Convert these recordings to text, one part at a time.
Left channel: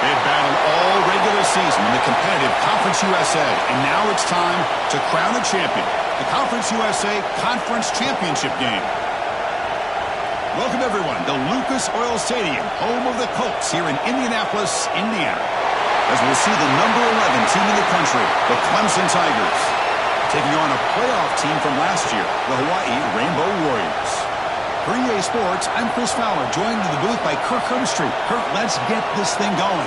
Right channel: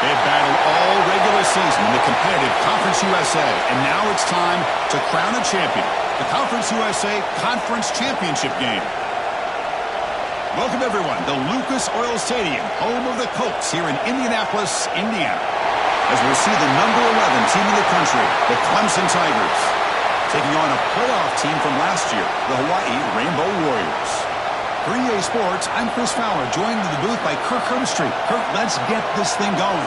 They've battled all regular season in the competitive Conference USA, and now it's time to crown a champion. The Conference USA Conference Championship game. Welcome, everyone, to Lucas Oil Stadium, home of the Colts here in Indianapolis, Indiana. As we'll see the number 11 team in the country, the Clemson Tigers, taking on a playoff team from last year, the Hawaii Rainbow Warriors. For EA Sports, I'm Chris Fowler, joined in the booth by Kirk Herbstreit. Kirk, let's get this thing going.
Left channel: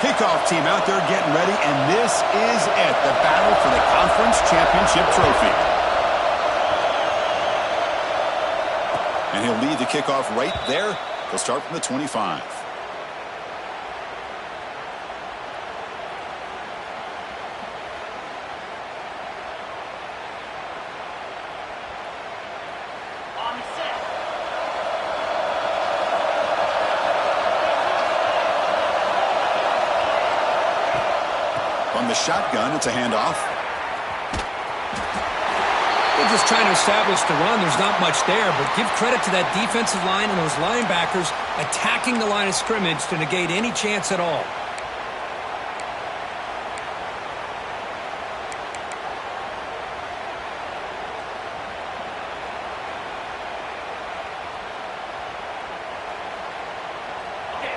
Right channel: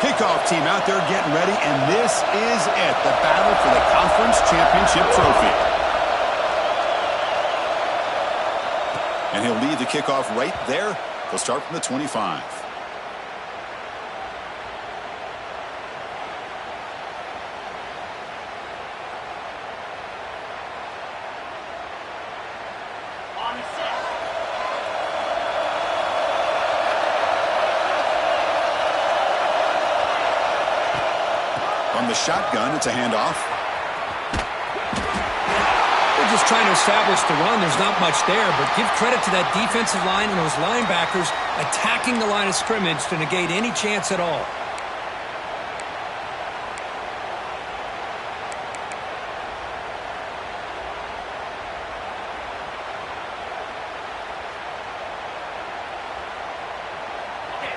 Kickoff team out there getting ready, and this is it, the battle for the Conference Championship trophy. And he'll lead the kickoff right there. He'll start from the 25. From the shotgun, it's a handoff. They're just trying to establish the run. There's not much there, but give credit to that defensive line and those linebackers attacking the line of scrimmage to negate any chance at all.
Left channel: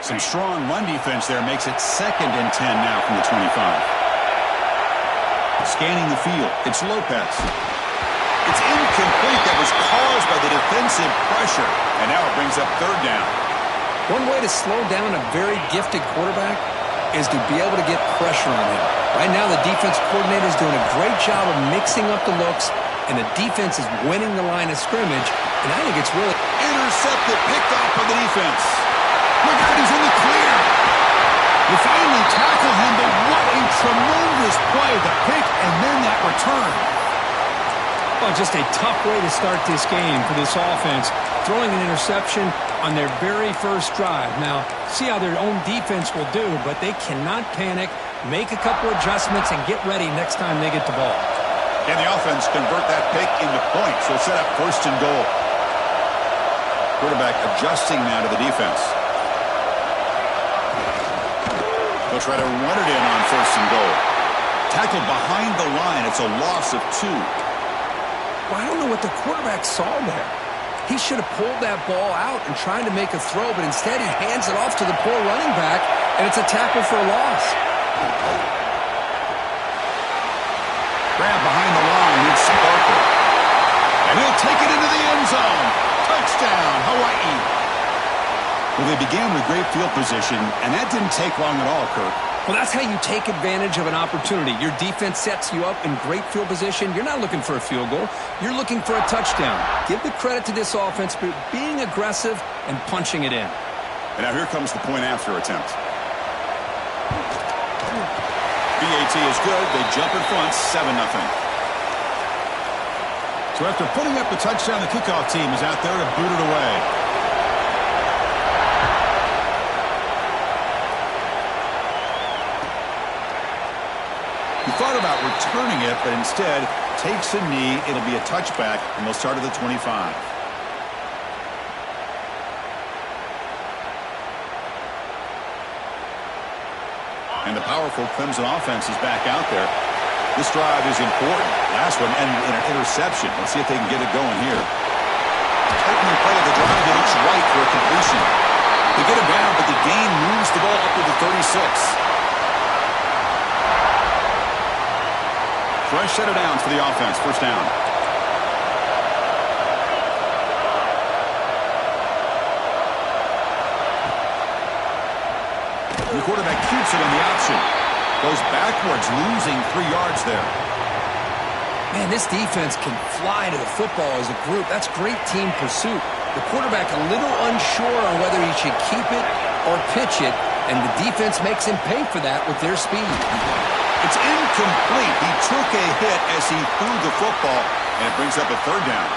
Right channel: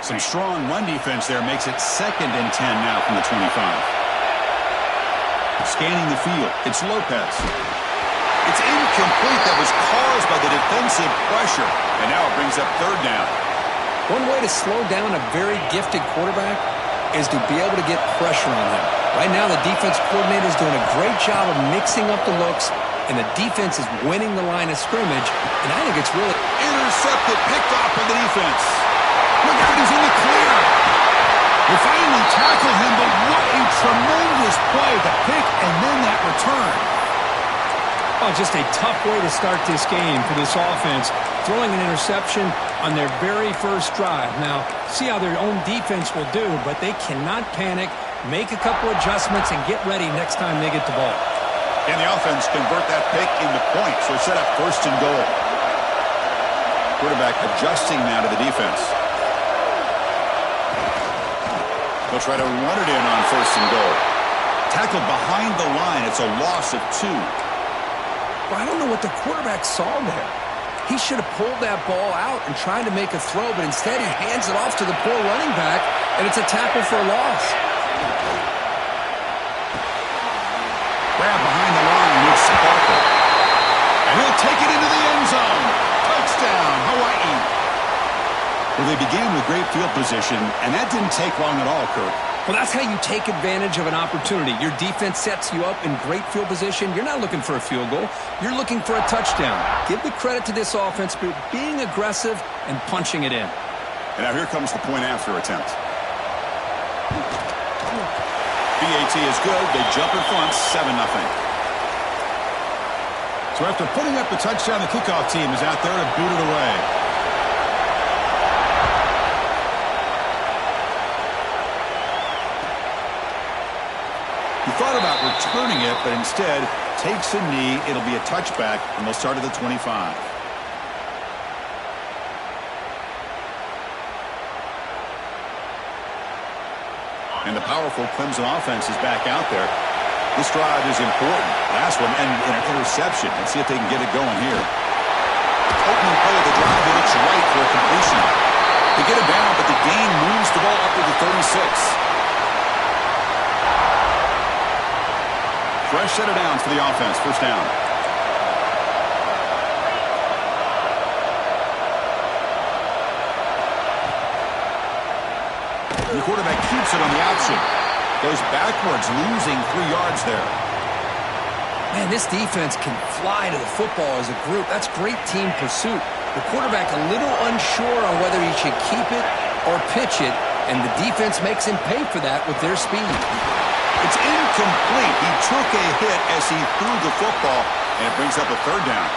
Some strong run defense there makes it 2nd and 10 now from the 25. Scanning the field, it's Lopez. It's incomplete. That was caused by the defensive pressure. And now it brings up 3rd down. One way to slow down a very gifted quarterback is to be able to get pressure on him. Right now, the defense coordinator is doing a great job of mixing up the looks, and the defense is winning the line of scrimmage. And I think it's really intercepted, picked off by the defense. Look out, he's in the clear. You finally tackle him, but what a tremendous play. The pick and then that return. Oh, just a tough way to start this game for this offense. Throwing an interception on their very first drive. Now, see how their own defense will do, but they cannot panic, make a couple adjustments, and get ready next time they get the ball. And the offense convert that pick into points. So set up 1st and goal. Quarterback adjusting now to the defense. They'll try to run it in on 1st and goal. Tackled behind the line. It's a loss of 2. Well, I don't know what the quarterback saw there. He should have pulled that ball out and tried to make a throw, but instead he hands it off to the poor running back, and it's a tackle for a loss. Grab behind the line with Sparkle. And he'll take it into the end zone. Touchdown, Hawaii. Well, they began with great field position, and that didn't take long at all, Kirk. Well, that's how you take advantage of an opportunity. Your defense sets you up in great field position. You're not looking for a field goal. You're looking for a touchdown. Give the credit to this offense for being aggressive and punching it in. And now here comes the point after attempt. BAT is good. They jump in front, 7-0. So after putting up the touchdown, the kickoff team is out there to boot it away. He thought about returning it, but instead takes a knee. It'll be a touchback, and they'll start at the 25. And the powerful Clemson offense is back out there. This drive is important. Last one, and an interception. Let's see if they can get it going here. Opening play of the drive, it looks right for a completion. They get it down, but the gain moves the ball up to the 36. Fresh set of downs for the offense. 1st down. The quarterback keeps it on the option. Goes backwards, losing 3 yards there. Man, this defense can fly to the football as a group. That's great team pursuit. The quarterback a little unsure on whether he should keep it or pitch it. and the defense makes him pay for that with their speed. It's incomplete. He took a hit as he threw the football, and it brings up a third down.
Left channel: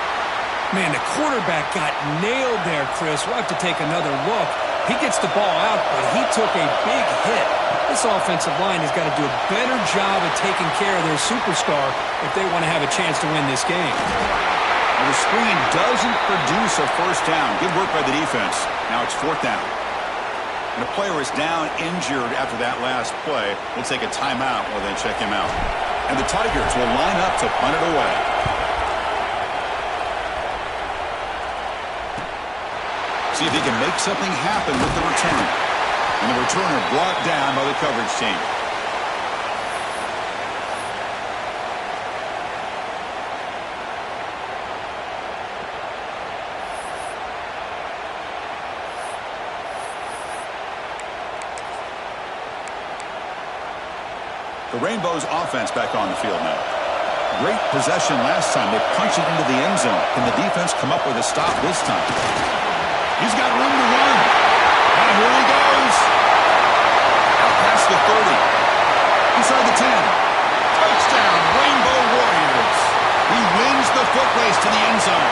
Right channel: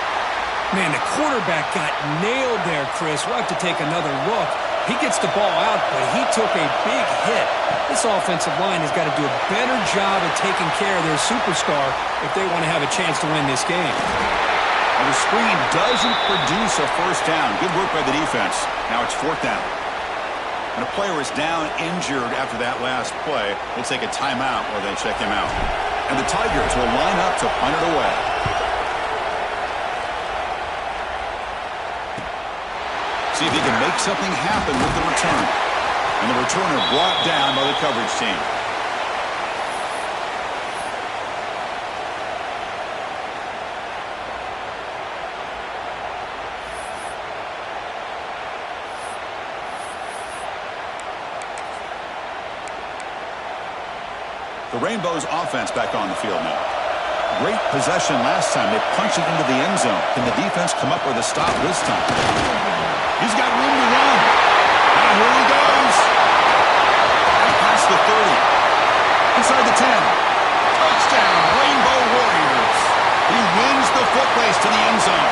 Man, the quarterback got nailed there, Chris. We'll have to take another look. He gets the ball out, but he took a big hit. This offensive line has got to do a better job of taking care of their superstar if they want to have a chance to win this game. Well, the screen doesn't produce a first down. Good work by the defense. Now it's fourth down. And a player is down injured after that last play. We'll take a timeout while they check him out. And the Tigers will line up to punt it away. See if he can make something happen with the return. And the returner brought down by the coverage team. The Rainbows offense back on the field now. Great possession last time. They punched it into the end zone. Can the defense come up with a stop this time? He's got room to run. Now here he goes. Out past the 30. Inside the 10. Touchdown, Rainbow Warriors. He wins the foot race to the end zone.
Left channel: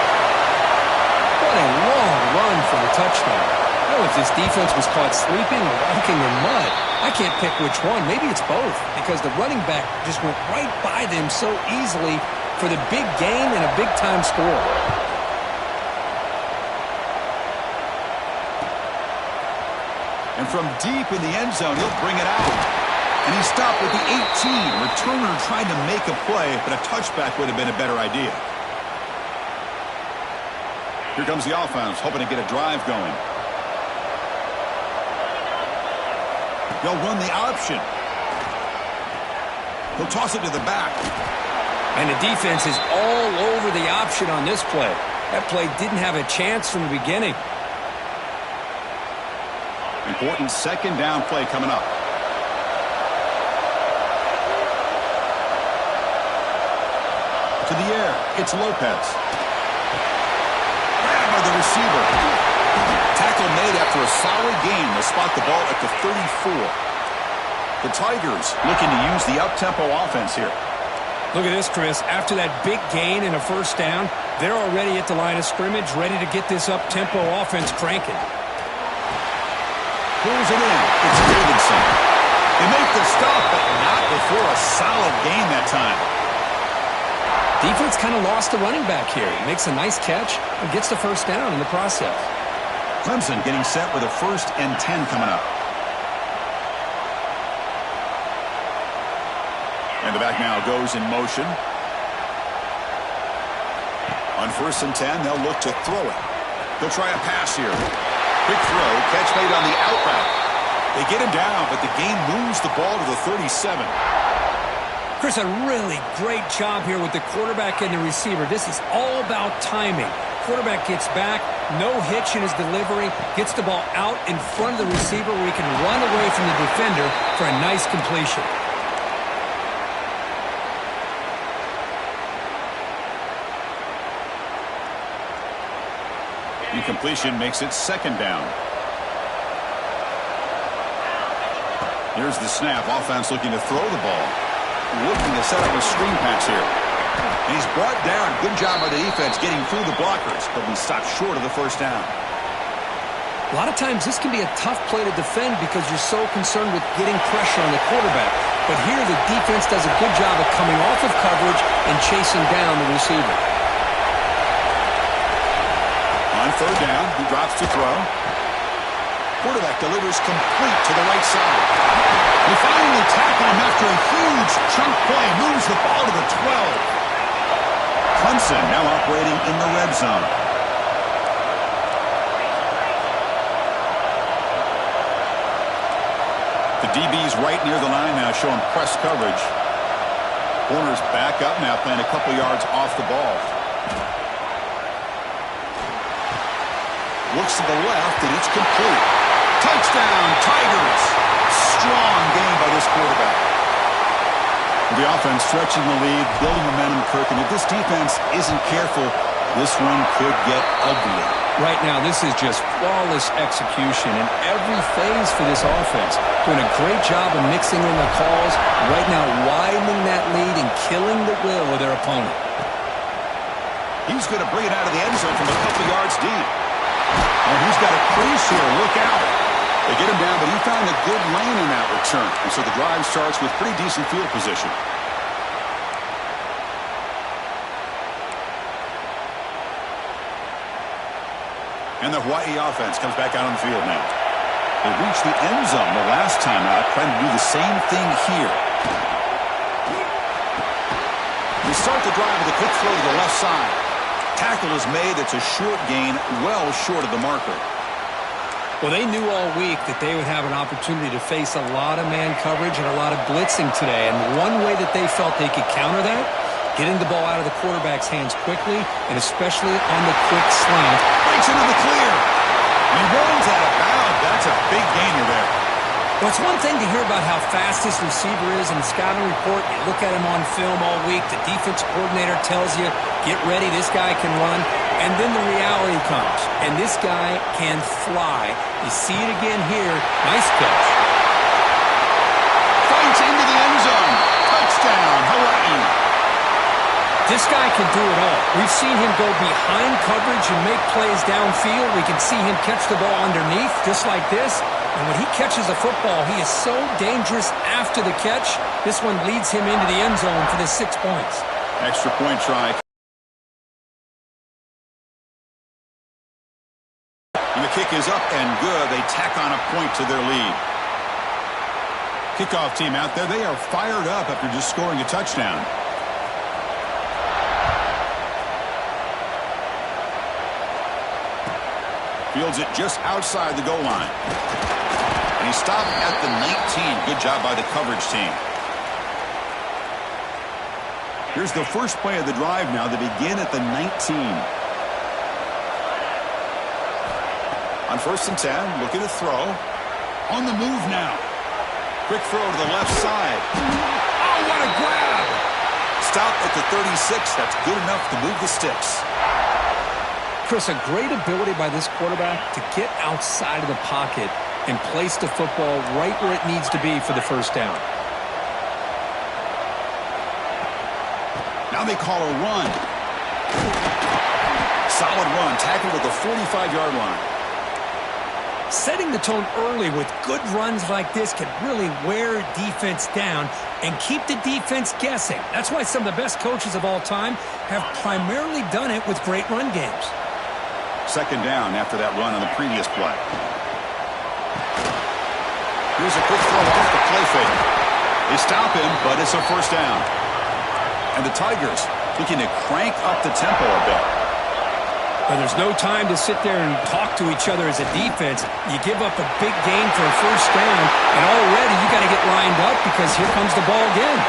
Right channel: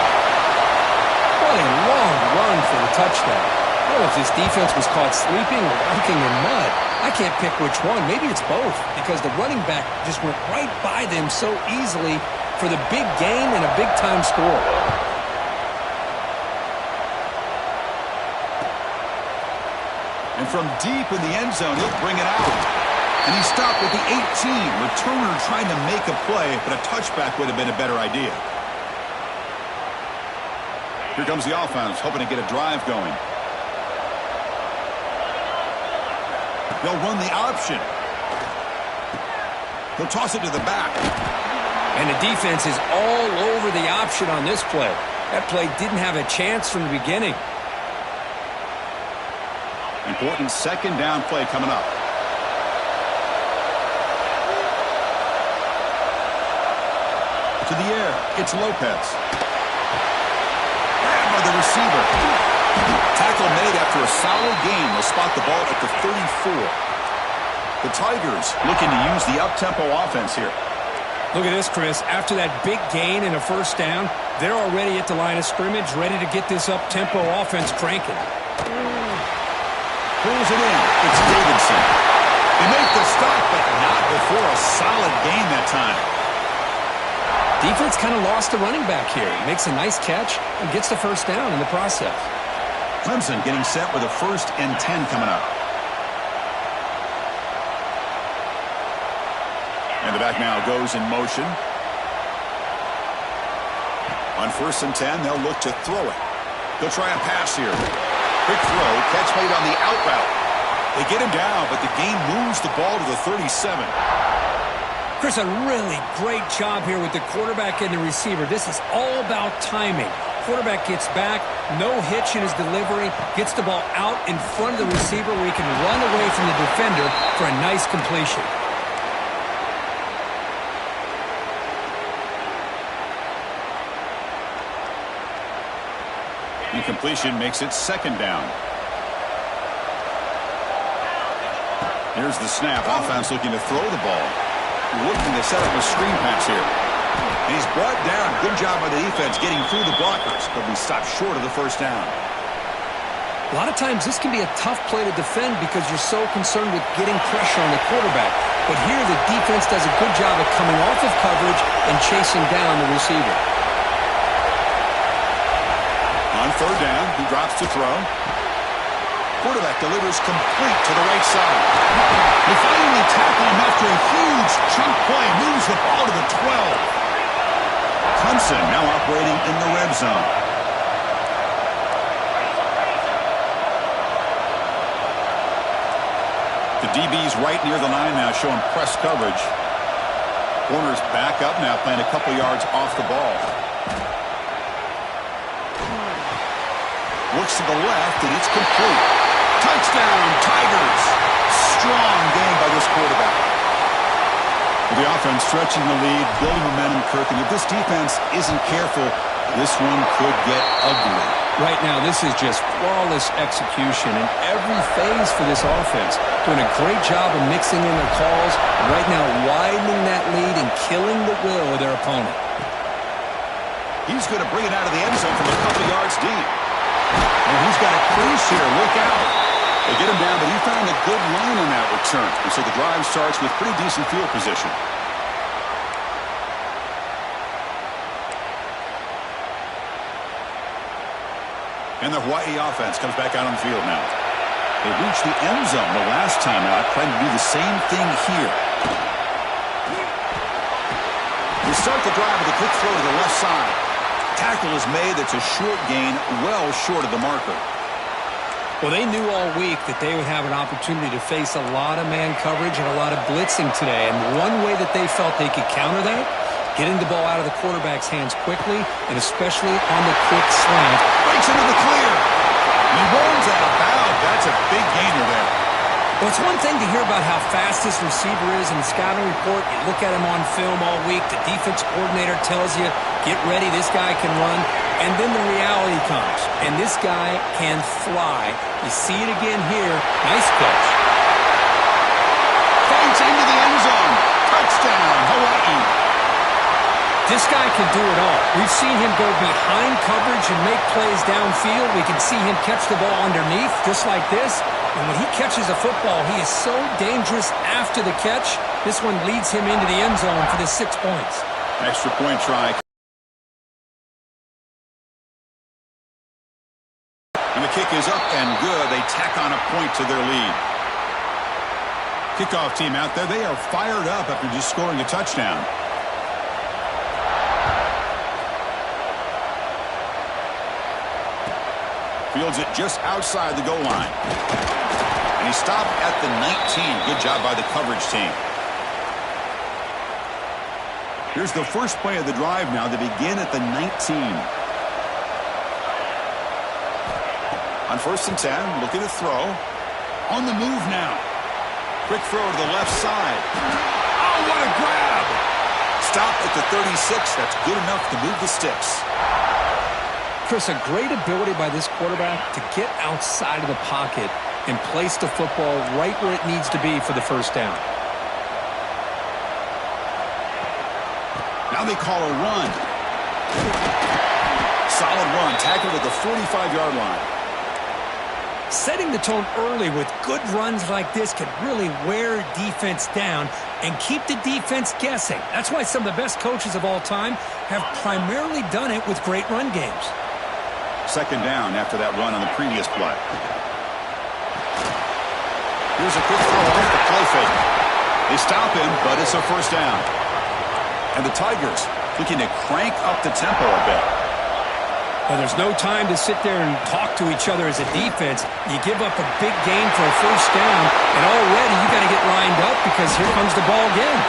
What a long run for the touchdown. I don't know if this defense was caught sleeping or walking in mud. I can't pick which one. Maybe it's both, because the running back just went right by them so easily for the big gain and a big-time score. And from deep in the end zone, he'll bring it out. And he stopped with the 18. Returner trying to make a play, but a touchback would have been a better idea. Here comes the offense, hoping to get a drive going. They'll run the option. He'll toss it to the back. And the defense is all over the option on this play. That play didn't have a chance from the beginning. Important second down play coming up. To the air. It's Lopez. Grabbed by the receiver. Tackle made after a solid gain. They'll spot the ball at the 34. The Tigers looking to use the up-tempo offense here. Look at this, Chris. After that big gain and a first down, they're already at the line of scrimmage, ready to get this up-tempo offense cranking. Pulls it in. It's Davidson. They make the stop, but not before a solid gain that time. Defense kind of lost the running back here. He makes a nice catch and gets the first down in the process. Clemson getting set with a 1st and 10 coming up. And the back now goes in motion. On 1st and 10, they'll look to throw it. They'll try a pass here. Quick throw, catch made on the out route. They get him down, but the game moves the ball to the 37. Chris, a really great job here with the quarterback and the receiver. This is all about timing. Quarterback gets back, no hitch in his delivery, gets the ball out in front of the receiver where he can run away from the defender for a nice completion. Incompletion makes it 2nd down. Here's the snap. Offense looking to throw the ball. Looking to set up a screen pass here. And he's brought down. Good job by the defense getting through the blockers. But we stopped short of the first down. A lot of times this can be a tough play to defend because you're so concerned with getting pressure on the quarterback. But here the defense does a good job of coming off of coverage and chasing down the receiver. On 3rd down, he drops to throw. Quarterback delivers complete to the right side. They finally tackle him after a huge chunk play. Moves the ball to the 12. Clemson now operating in the red zone. The DB's right near the line now, showing press coverage. Corner's back up now, playing a couple yards off the ball. Looks to the left, and it's complete. Touchdown, Tigers. Strong game by this quarterback. The offense stretching the lead, building momentum, Kirk. And if this defense isn't careful, this one could get ugly. Right now, this is just flawless execution in every phase for this offense. Doing a great job of mixing in their calls. Right now, widening that lead and killing the will of their opponent. He's going to bring it out of the end zone from a couple yards deep. And he's got a crease here. Look out. They get him down, but he found a good lane in that return. And so the drive starts with pretty decent field position. And the Hawaii offense comes back out on the field now. They reached the end zone the last time out, trying to do the same thing here. They start the drive with a quick throw to the left side. Tackle is made. It's a short gain, well short of the marker. Well, they knew all week that they would have an opportunity to face a lot of man coverage and a lot of blitzing today. And one way that they felt they could counter that, getting the ball out of the quarterback's hands quickly, and especially on the quick slant. Breaks into the clear. He runs out of bounds. That's a big gainer there. Well, it's one thing to hear about how fast this receiver is in the scouting report. You look at him on film all week. The defense coordinator tells you, get ready, this guy can run. And then the reality comes, and this guy can fly. You see it again here. Nice catch. Fights into the end zone. Touchdown, Hawaii. This guy can do it all. We've seen him go behind coverage and make plays downfield. We can see him catch the ball underneath, just like this. And when he catches a football, he is so dangerous after the catch. This one leads him into the end zone for the 6 points. Extra point try. And the kick is up and good. They tack on a point to their lead. Kickoff team out there. They are fired up after just scoring a touchdown. Fields it just outside the goal line. And he stopped at the 19. Good job by the coverage team. Here's the first play of the drive now. They begin at the 19. On 1st and 10, looking to throw. On the move now. Quick throw to the left side. Oh, what a grab! Stop at the 36. That's good enough to move the sticks. Chris, a great ability by this quarterback to get outside of the pocket and place the football right where it needs to be for the first down. Now they call a run. Solid run, tackled at the 45-yard line. Setting the tone early with good runs like this can really wear defense down and keep the defense guessing. That's why some of the best coaches of all time have primarily done it with great run games. Second down after that run on the previous play. Here's a quick throw off the play fake. They stop him, but it's a first down. And the Tigers looking to crank up the tempo a bit. Well, there's no time to sit there and talk to each other as a defense. You give up a big gain for a first down, and already you got to get lined up because here comes the ball again.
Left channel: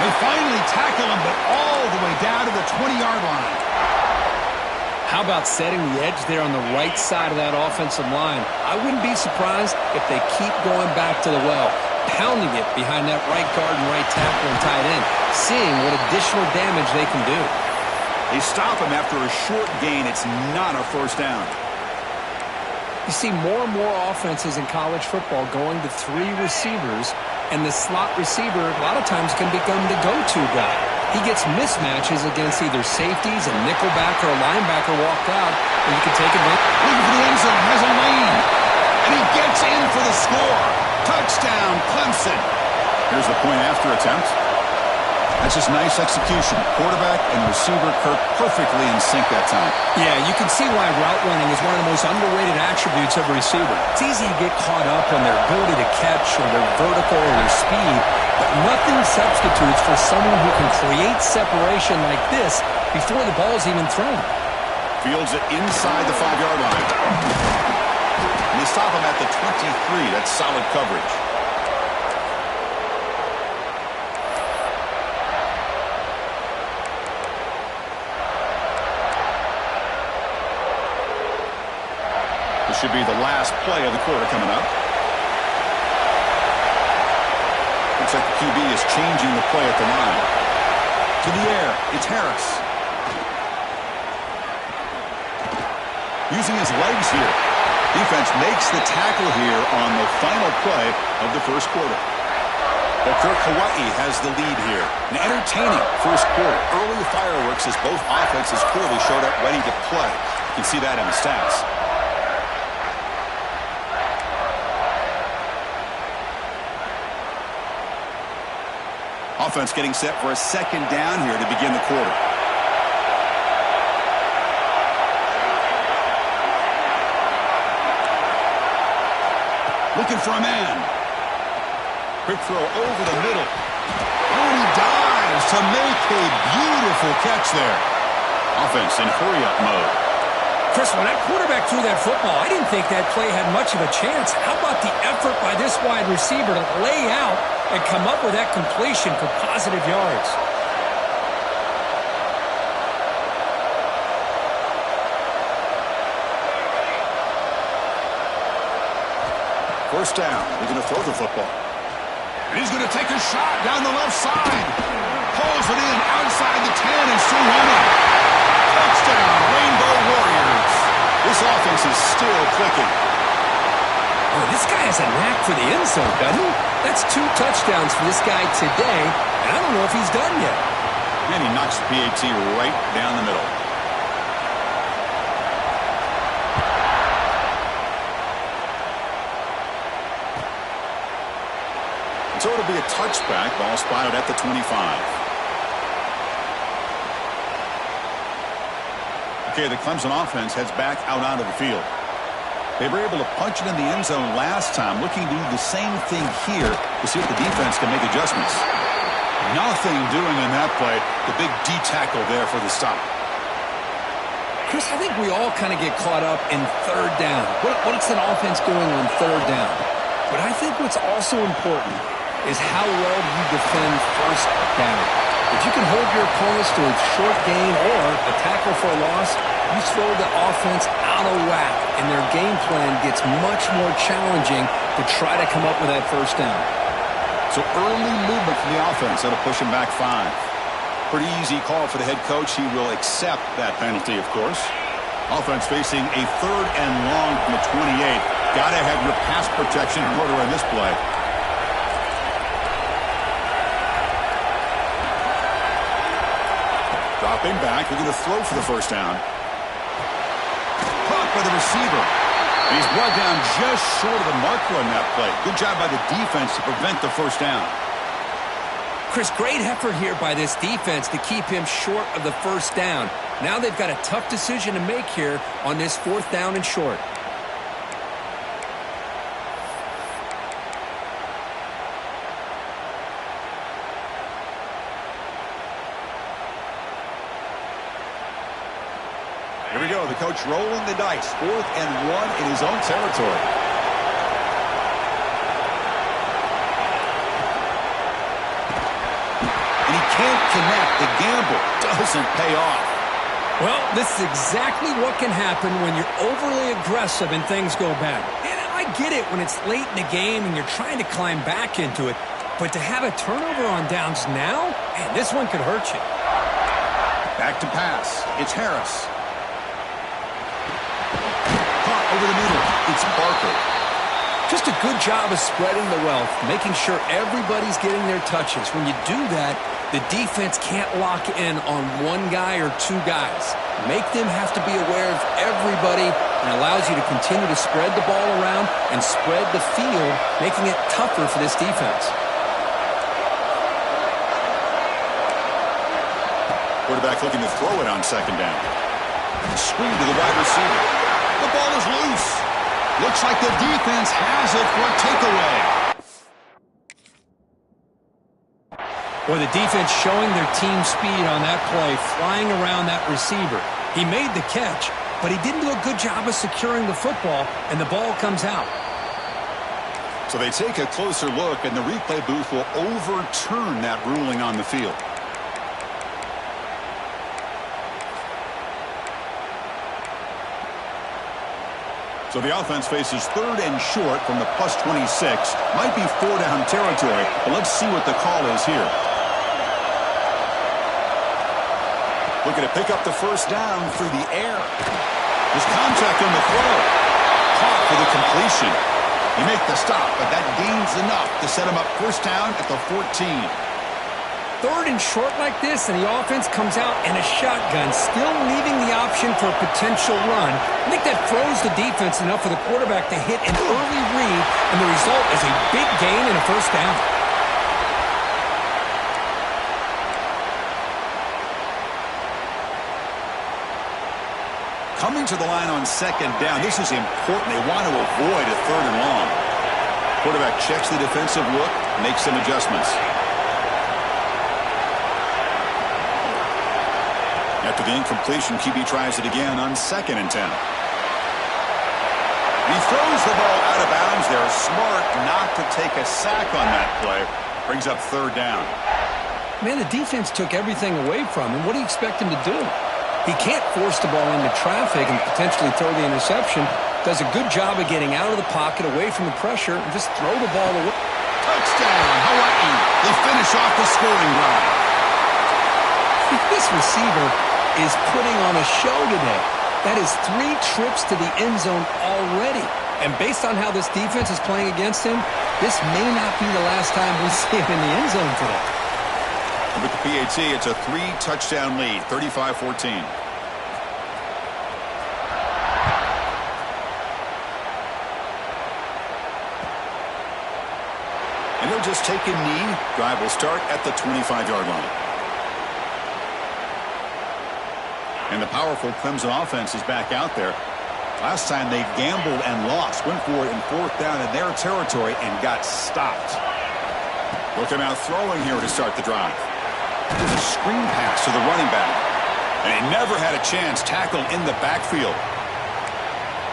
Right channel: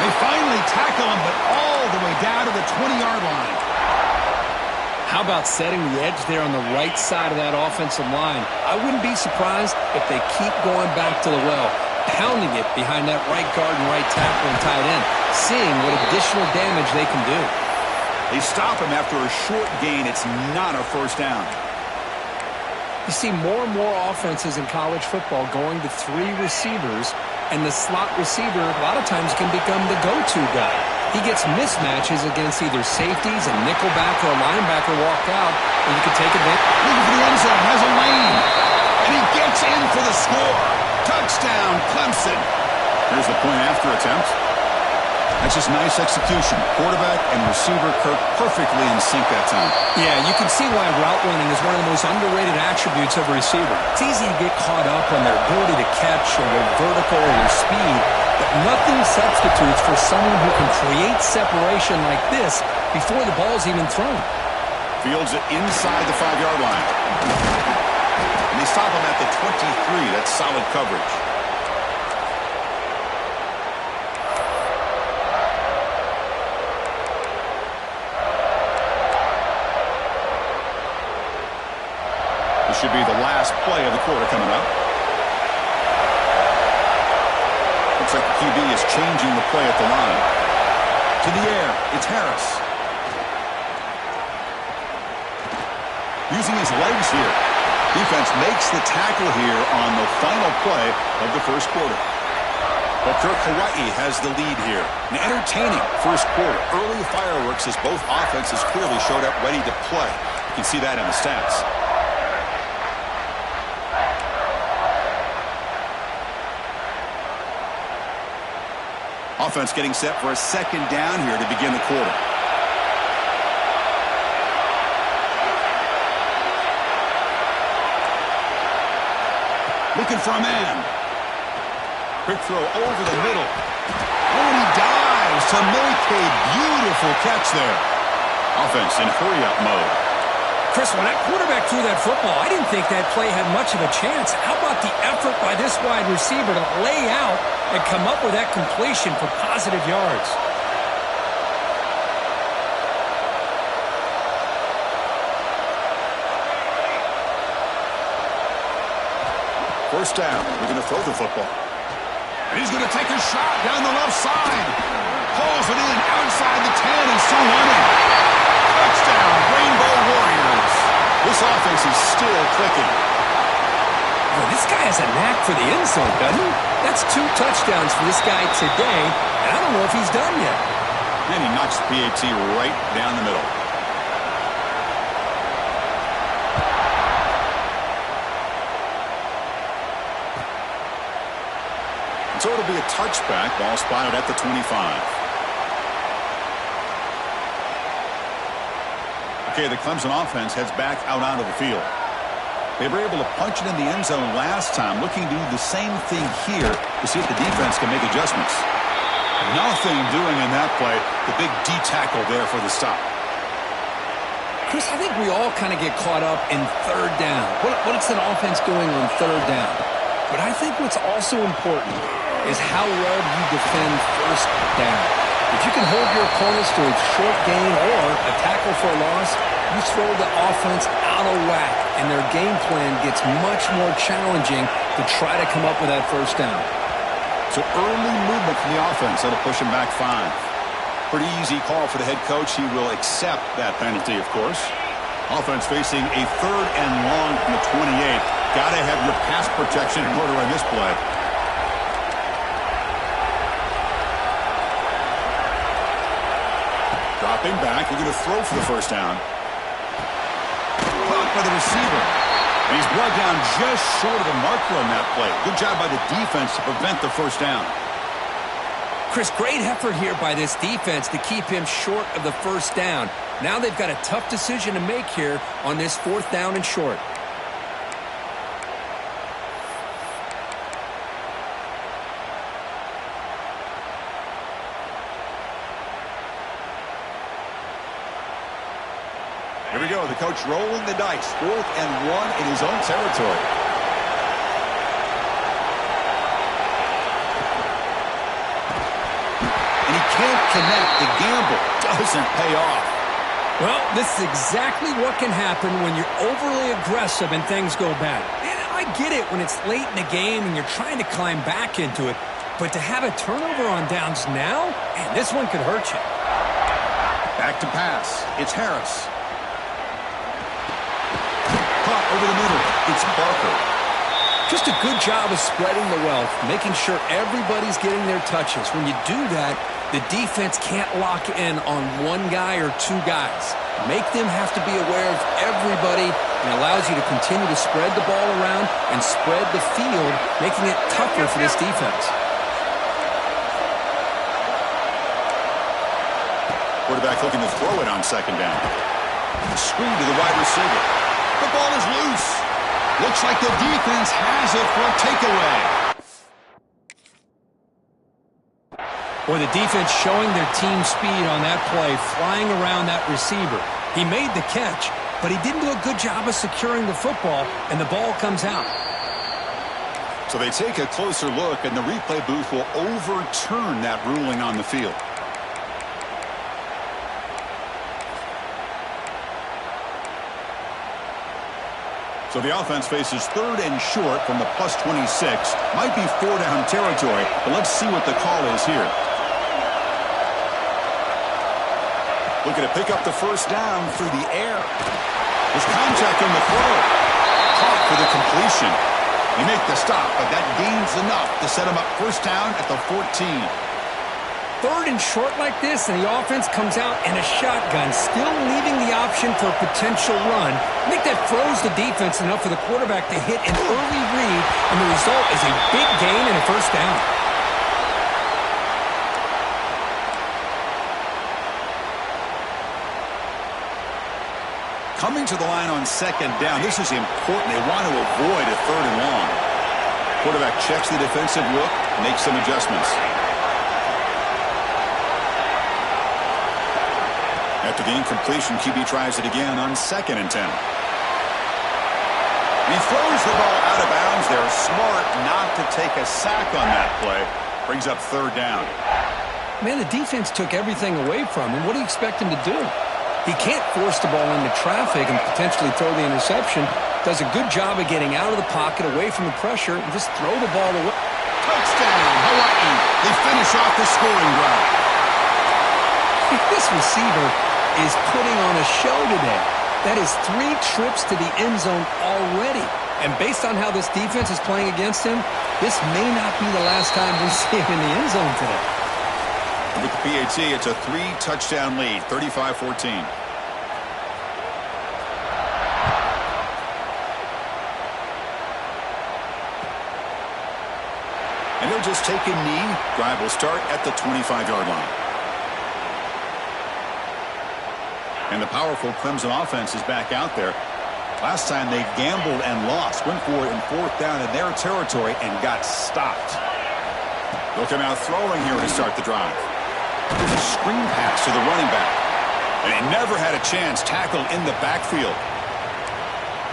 They finally tackle him, but all the way down to the 20-yard line. How about setting the edge there on the right side of that offensive line? I wouldn't be surprised if they keep going back to the well, pounding it behind that right guard and right tackle and tight end, seeing what additional damage they can do. They stop him after a short gain. It's not a first down. You see more and more offenses in college football going to 3 receivers, and the slot receiver a lot of times can become the go-to guy. He gets mismatches against either safeties, a nickelback, or a linebacker walked out, or you can take advantage. Looking for the end zone, has a lane, and he gets in for the score. Touchdown, Clemson. Here's the point after attempt. That's just nice execution. Quarterback and receiver Kirk perfectly in sync that time. Yeah, you can see why route running is one of the most underrated attributes of a receiver. It's easy to get caught up on their ability to catch or their vertical or their speed, but nothing substitutes for someone who can create separation like this before the ball's even thrown. Fields it inside the 5-yard line. And they stop him at the 23. That's solid coverage. This should be the last play of the quarter coming up. Looks like the QB is changing the play at the line. To the air, it's Harris. using his legs here. Defense makes the tackle here on the final play of the first quarter. Well, Kirk, Hawaii has the lead here. An entertaining first quarter. Early fireworks as both offenses clearly showed up ready to play. You can see that in the stats. Offense getting set for a second down here to begin the quarter. Looking for a man. Quick throw over the middle. Oh, and he dives to make a beautiful catch there. Offense in hurry-up mode. Chris, when that quarterback threw that football, I didn't think that play had much of a chance. How about the effort by this wide receiver to lay out and come up with that completion for positive yards? First down. We're going to throw the football. And he's going to take a shot down the left side. Pulls it in outside the 10 and still running. Touchdown, Rainbow Warriors. This offense is still clicking. Oh, this guy has a knack for the end zone, doesn't he? That's 2 touchdowns for this guy today, and I don't know if he's done yet. And he knocks the PAT right down the middle. So it'll be a touchback. Ball spotted at the 25. Okay, the Clemson offense heads back out onto the field. They were able to punch it in the end zone last time, looking to do the same thing here to see if the defense can make adjustments. Nothing doing in that play. The big D tackle there for the stop. Chris, I think we all kind of get caught up in third down. What's an offense doing on third down? But I think what's also important is how well you defend first down. If you can hold your opponents to a short gain or a tackle for a loss, you throw the offense out of whack, and their game plan gets much more challenging to try to come up with that first down. So early movement from the offense. That'll push him back 5. Pretty easy call for the head coach. He will accept that penalty, of course. Offense facing a 3rd and long from the 28. Got to have your pass protection in order on this play. Dropping back, they're going to throw for the first down. Caught by the receiver. And he's brought down just short of the marker on that play. Good job by the defense to prevent the first down. Chris, great effort here by this defense to keep him short of the first down. Now they've got a tough decision to make here on this 4th down and short. Here we go. The coach rolling the dice. 4th and 1 in his own territory. And he can't connect. The gamble doesn't pay off. Well, this is exactly what can happen when you're overly aggressive and things go bad. And I get it when it's late in the game and you're trying to climb back into it. But to have a turnover on downs now, man, this one could hurt you. Back to pass. It's Harris. Caught over the middle. It's Barker. Just a good job of spreading the wealth, making sure everybody's getting their touches. When you do that, the defense can't lock in on one guy or 2 guys. Make them have to be aware of everybody, and allows you to continue to spread the ball around and spread the field, making it tougher for this defense. Quarterback looking to throw it on second down. Screen to the wide receiver. The ball is loose. Looks like the defense has it for a takeaway. Boy, the defense showing their team speed on that play, flying around that receiver. He made the catch, but he didn't do a good job of securing the football, and the ball comes out. So they take a closer look, and the replay booth will overturn that ruling on the field. So the offense faces 3rd and short from the +26. Might be 4-down territory, but let's see what the call is here. Looking to pick up the first down through the air. There's contact on the throw. Caught for the completion. He make the stop, but that gains enough to set him up first down at the 14. Third and short like this, and the offense comes out in a shotgun, still leaving the option for a potential run. I think that froze the defense enough for the quarterback to hit an early read, and the result is a big gain and a first down. Coming to the line on second down, this is important. They want to avoid a third and long. Quarterback checks the defensive look, makes some adjustments. After the incompletion, QB tries it again on 2nd and 10. He throws the ball out of bounds. They're smart not to take a sack on that play. Brings up 3rd down. Man, the defense took everything away from him. What do you expect him to do? He can't force the ball into traffic and potentially throw the interception. Does a good job of getting out of the pocket, away from the pressure, and just throw the ball away. Touchdown, Hawaii. They finish off the scoring drive. This receiver is putting on a show today. That is 3 trips to the end zone already. And based on how this defense is playing against him, this may not be the last time we see him in the end zone today. And with the PAT, it's a 3-touchdown lead, 35-14. And he'll just take a knee. Drive will start at the 25-yard line. And the powerful Clemson offense is back out there. Last time they gambled and lost. Went for it in 4th down in their territory and got stopped. They'll come out throwing here to start the drive. There's a screen pass to the running back. And he never had a chance tackled in the backfield.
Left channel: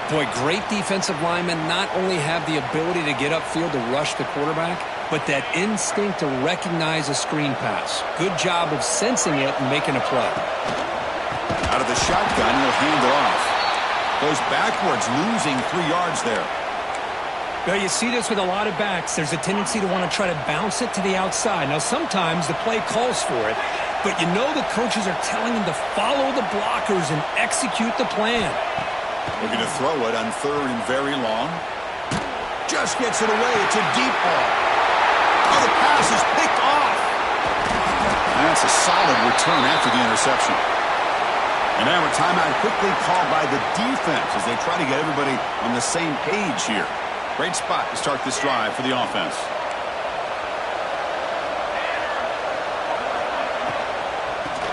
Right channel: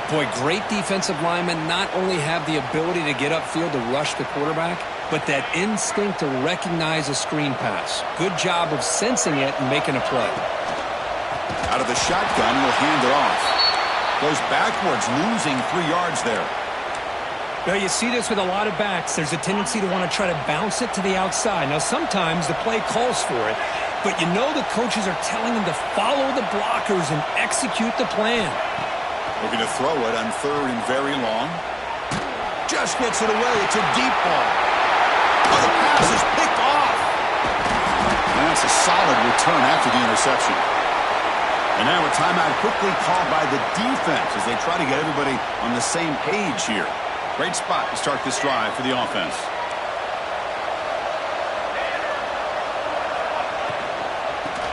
Boy, great defensive linemen not only have the ability to get upfield to rush the quarterback, but that instinct to recognize a screen pass. Good job of sensing it and making a play. Out of the shotgun, he'll hand it off. Goes backwards, losing 3 yards there. Well, you see this with a lot of backs. There's a tendency to want to try to bounce it to the outside. Now, sometimes the play calls for it, but you know the coaches are telling them to follow the blockers and execute the plan. Looking to throw it on 3rd and very long. Just gets it away. It's a deep ball. Oh, the pass is picked off. And that's a solid return after the interception. And now a timeout quickly called by the defense as they try to get everybody on the same page here. Great spot to start this drive for the offense.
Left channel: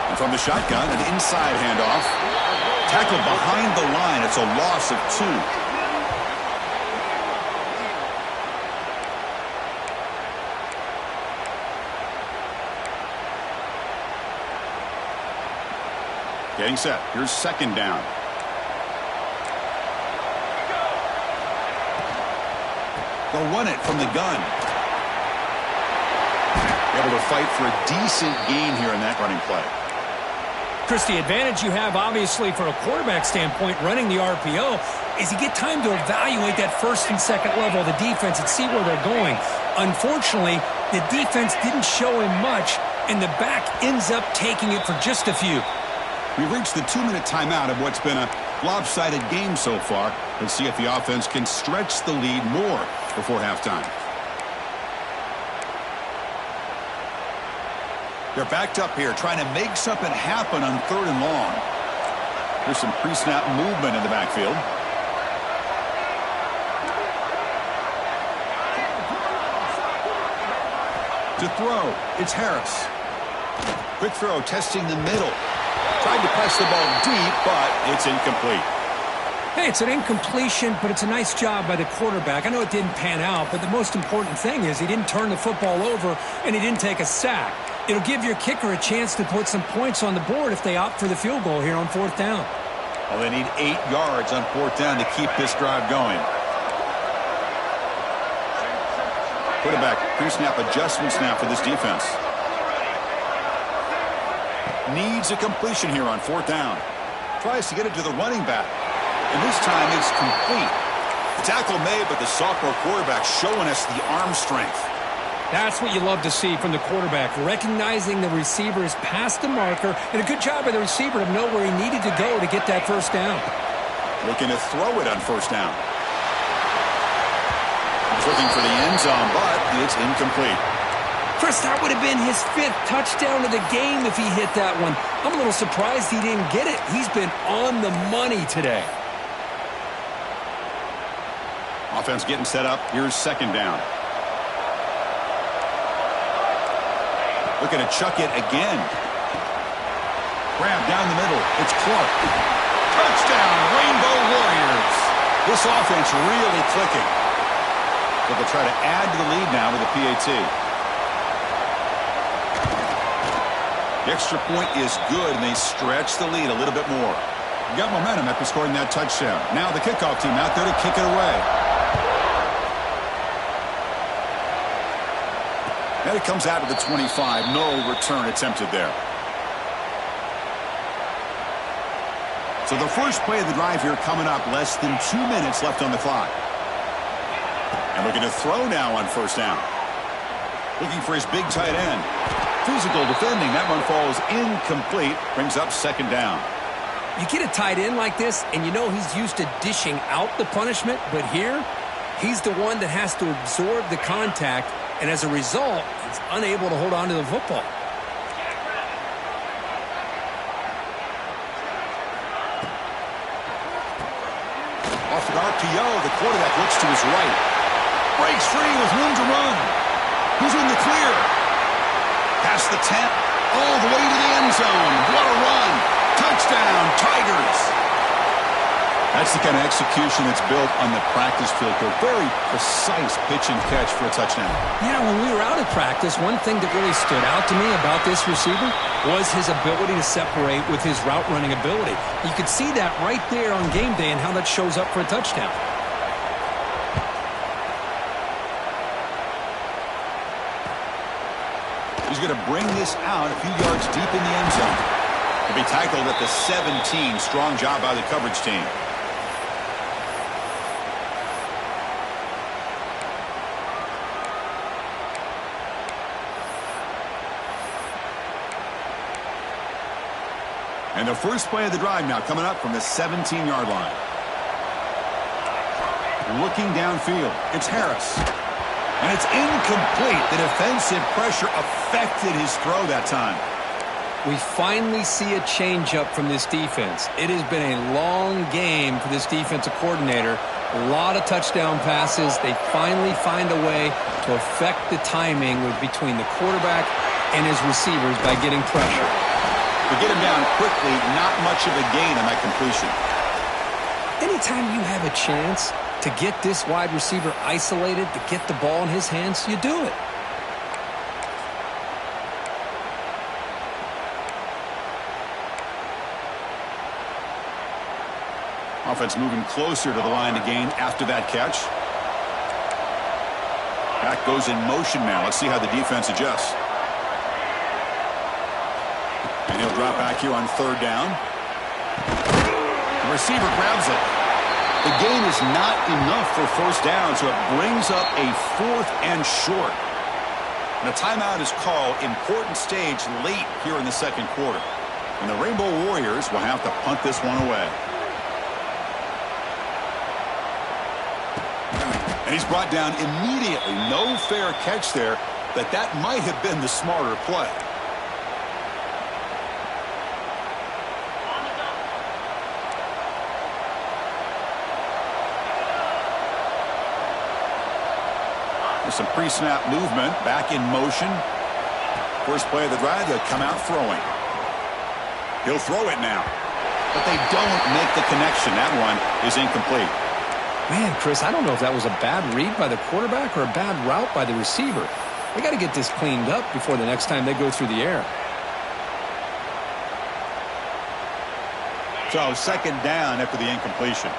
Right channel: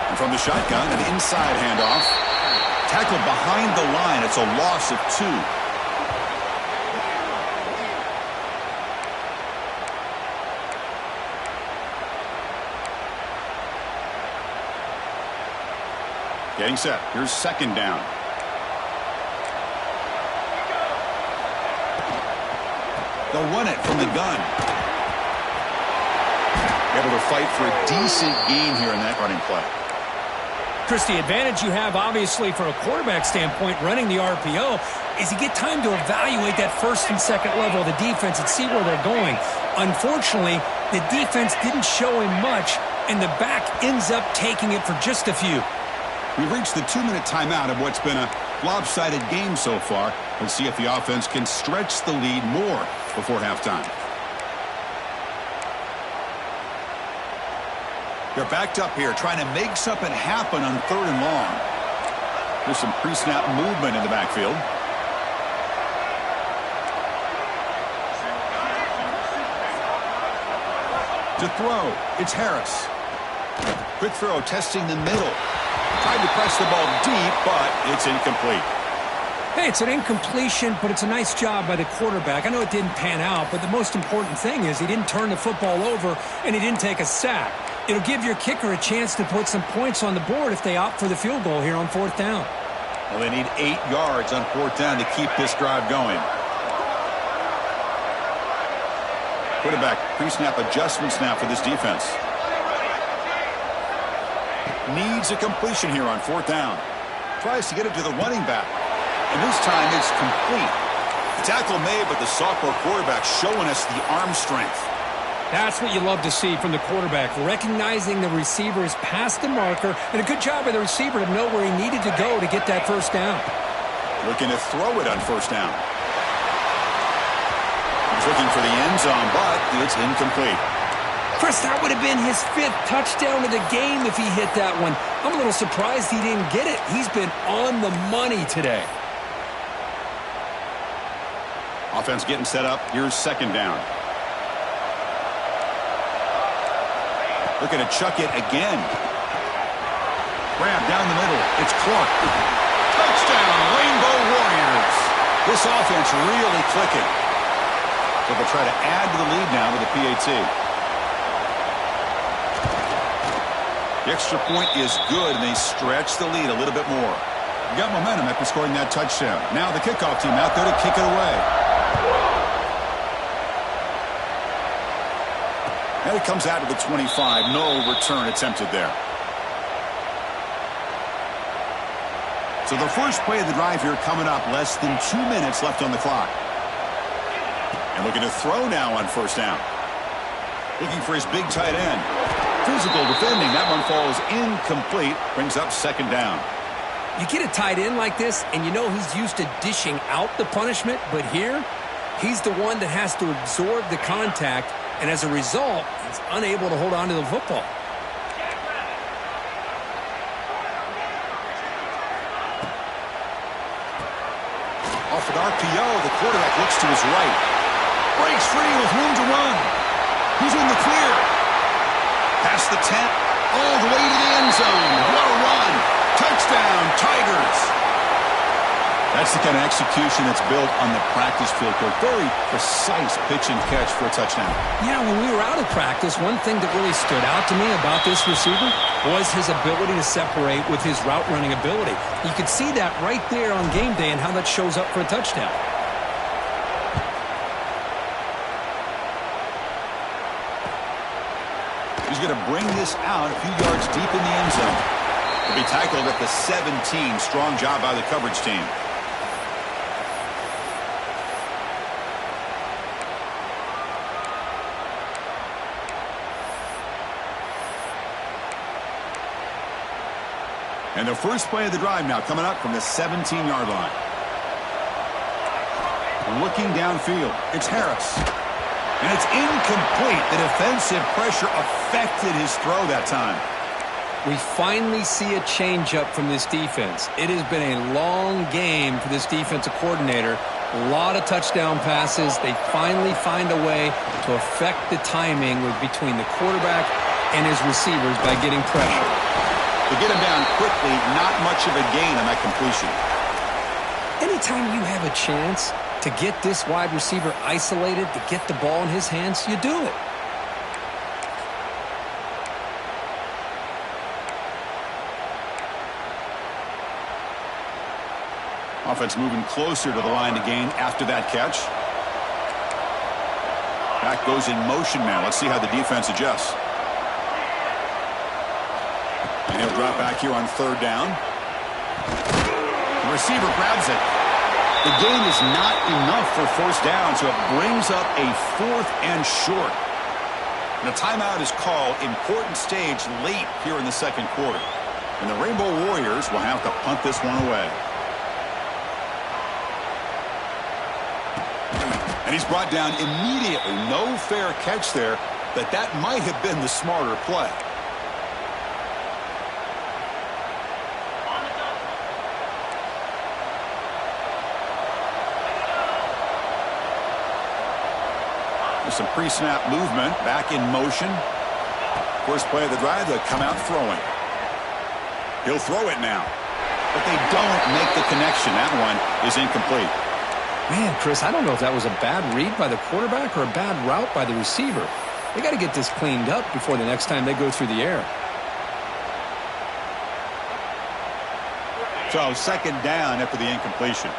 And from the shotgun, an inside handoff. Tackled behind the line. It's a loss of 2. Getting set. Here's 2nd down. They'll run it from the gun. Able to fight for a decent gain here in that running play. Chris, the advantage you have, obviously, for a quarterback standpoint, running the RPO, is you get time to evaluate that 1st and 2nd level of the defense and see where they're going. Unfortunately, the defense didn't show him much, and the back ends up taking it for just a few. We've reached the 2-minute timeout of what's been a lopsided game so far. Let's see if the offense can stretch the lead more before halftime. They're backed up here, trying to make something happen on 3rd and long. There's some pre-snap movement in the backfield. To throw, it's Harris. Quick throw, testing the middle. Tried to press the ball deep, but it's incomplete. Hey, it's an incompletion, but it's a nice job by the quarterback. I know it didn't pan out, but the most important thing is he didn't turn the football over and he didn't take a sack. It'll give your kicker a chance to put some points on the board if they opt for the field goal here on 4th down. Well, they need 8 yards on 4th down to keep this drive going. Quarterback pre-snap adjustments now for this defense. Needs a completion here on 4th down. Tries to get it to the running back. And this time it's complete. The tackle made, but the sophomore quarterback showing us the arm strength. That's what you love to see from the quarterback, recognizing the receiver is past the marker, and a good job by the receiver to know where he needed to go to get that 1st down. Looking to throw it on first down. He's looking for the end zone, but it's incomplete. Chris, that would have been his 5th touchdown of the game if he hit that one. I'm a little surprised he didn't get it. He's been on the money today. Offense getting set up. Here's second down. Looking to chuck it again. Grab down the middle. It's Clark. Touchdown, Rainbow Warriors. This offense really clicking. So they'll try to add to the lead now with a PAT. The extra point is good, and they stretch the lead a little bit more. Got momentum after scoring that touchdown. Now the kickoff team out there to kick it away. And it comes out to the 25. No return attempted there. So the first play of the drive here coming up. Less than 2 minutes left on the clock. And looking to throw now on first down. Looking for his big tight end. Physical defending. That one falls incomplete. Brings up second down. You get a tight end like this, and you know he's used to dishing out the punishment. But here, he's the one that has to absorb the contact. And as a result, he's unable to hold on to the football. Off an RPO, the quarterback looks to his right. Breaks free with room to run. He's in the clear. Past the 10, all the way to the end zone. What a run. Touchdown, Tigers. That's the kind of execution that's built on the practice field. Very precise pitch and catch for a touchdown. Yeah, when we were out at practice, one thing that really stood out to me about this receiver was his ability to separate with his route running ability. You could see that right there on game day and how that shows up for a touchdown. He's going to bring this out a few yards deep in the end zone. He'll be tackled at the 17. Strong job by the coverage team. And the first play of the drive now coming up from the 17-yard line. Looking downfield. It's Harris. And it's incomplete. The defensive pressure affected his throw that time. We finally see a changeup from this defense. It has been a long game for this defensive coordinator. A lot of touchdown passes. They finally find a way to affect the timing between the quarterback and his receivers by getting pressure. To get him down quickly, not much of a gain on that completion. Anytime you have a chance to get this wide receiver isolated, to get the ball in his hands, you do it. Offense moving closer to the line to gain after that catch. Back goes in motion now. Let's see how the defense adjusts. And he'll drop back here on third down. The receiver grabs it. The gain is not enough for first down, so it brings up a 4th and short. And a timeout is called. Important stage late here in the second quarter. And the Rainbow Warriors will have to punt this one away. And he's brought down immediately. No fair catch there, but that might have been the smarter play. There's some pre-snap movement. Back in motion. First play of the drive, they'll come out throwing. He'll throw it now. But they don't make the connection. That one is incomplete. Man, Chris, I don't know if that was a bad read by the quarterback or a bad route by the receiver. They got to get this cleaned up before the next time they go through the air. So second down after the incompletion.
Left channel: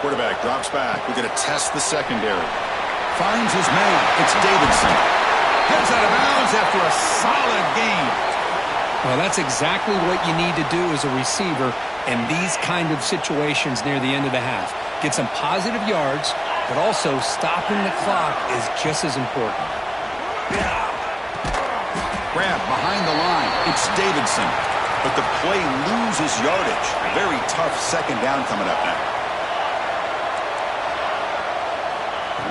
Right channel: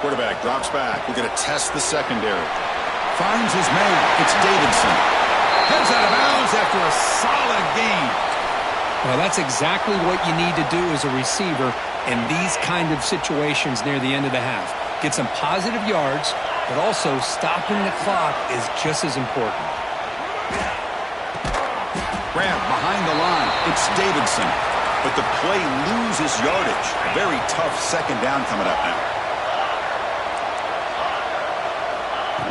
Quarterback drops back. We're going to test the secondary. Finds his man. It's Davidson. Heads out of bounds after a solid gain. Well, that's exactly what you need to do as a receiver in these kind of situations near the end of the half. Get some positive yards, but also stopping the clock is just as important. grab behind the line. It's Davidson. But the play loses yardage. A very tough second down coming up now.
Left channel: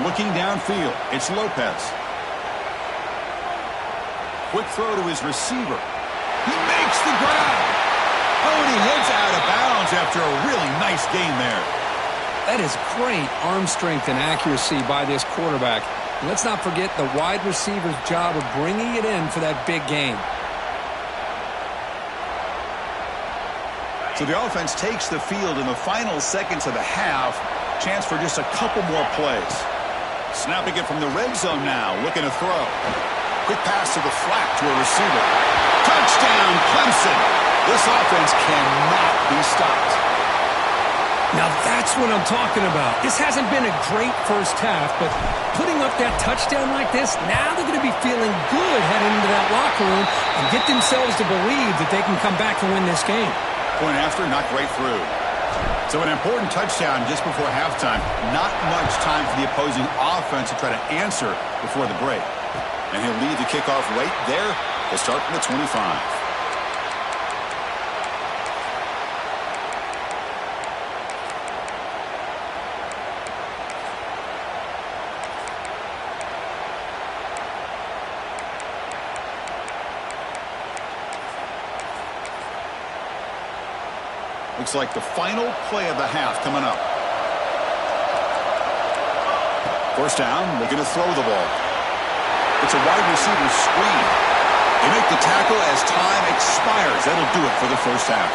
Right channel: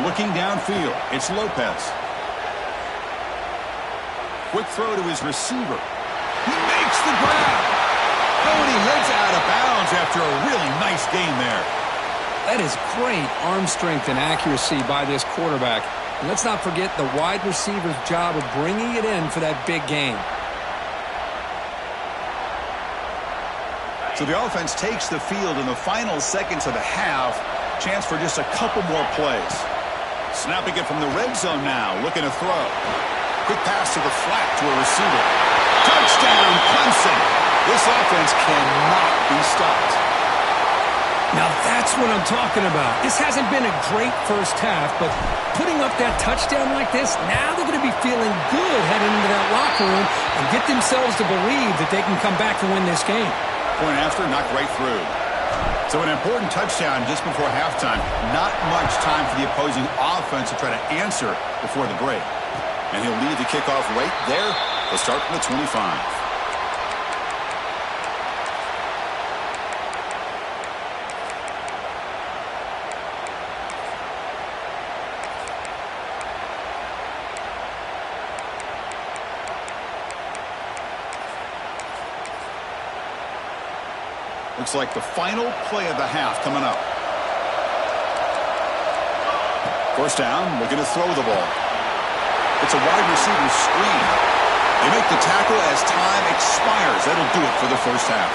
Looking downfield, it's Lopez. Quick throw to his receiver. He makes the grab. Oh, and he heads out of bounds after a really nice gain there. That is great arm strength and accuracy by this quarterback. And let's not forget the wide receiver's job of bringing it in for that big gain. So the offense takes the field in the final seconds of the half. Chance for just a couple more plays. Snapping it from the red zone now, looking to throw. Quick pass to the flat to a receiver. Touchdown, Clemson. This offense cannot be stopped. Now that's what I'm talking about. This hasn't been a great first half, but putting up that touchdown like this, now they're going to be feeling good heading into that locker room and get themselves to believe that they can come back and win this game. Point after, knocked right through. So an important touchdown just before halftime. Not much time for the opposing offense to try to answer before the break. And he'll lead the kickoff right there. They'll start from the 25. Looks like the final play of the half coming up. First down, looking to throw the ball. It's a wide receiver screen. They make the tackle as time expires. That'll do it for the first half.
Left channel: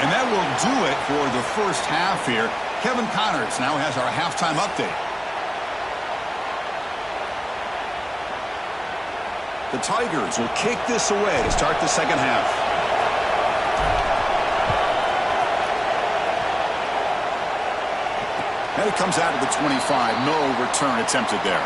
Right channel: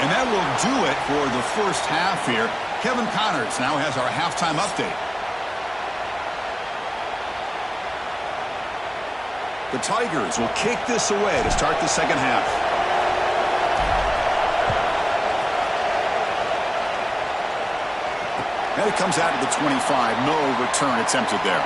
And that will do it for the first half here. Kevin Connors now has our halftime update. The Tigers will kick this away to start the second half. And it comes out of the 25. No return attempted there.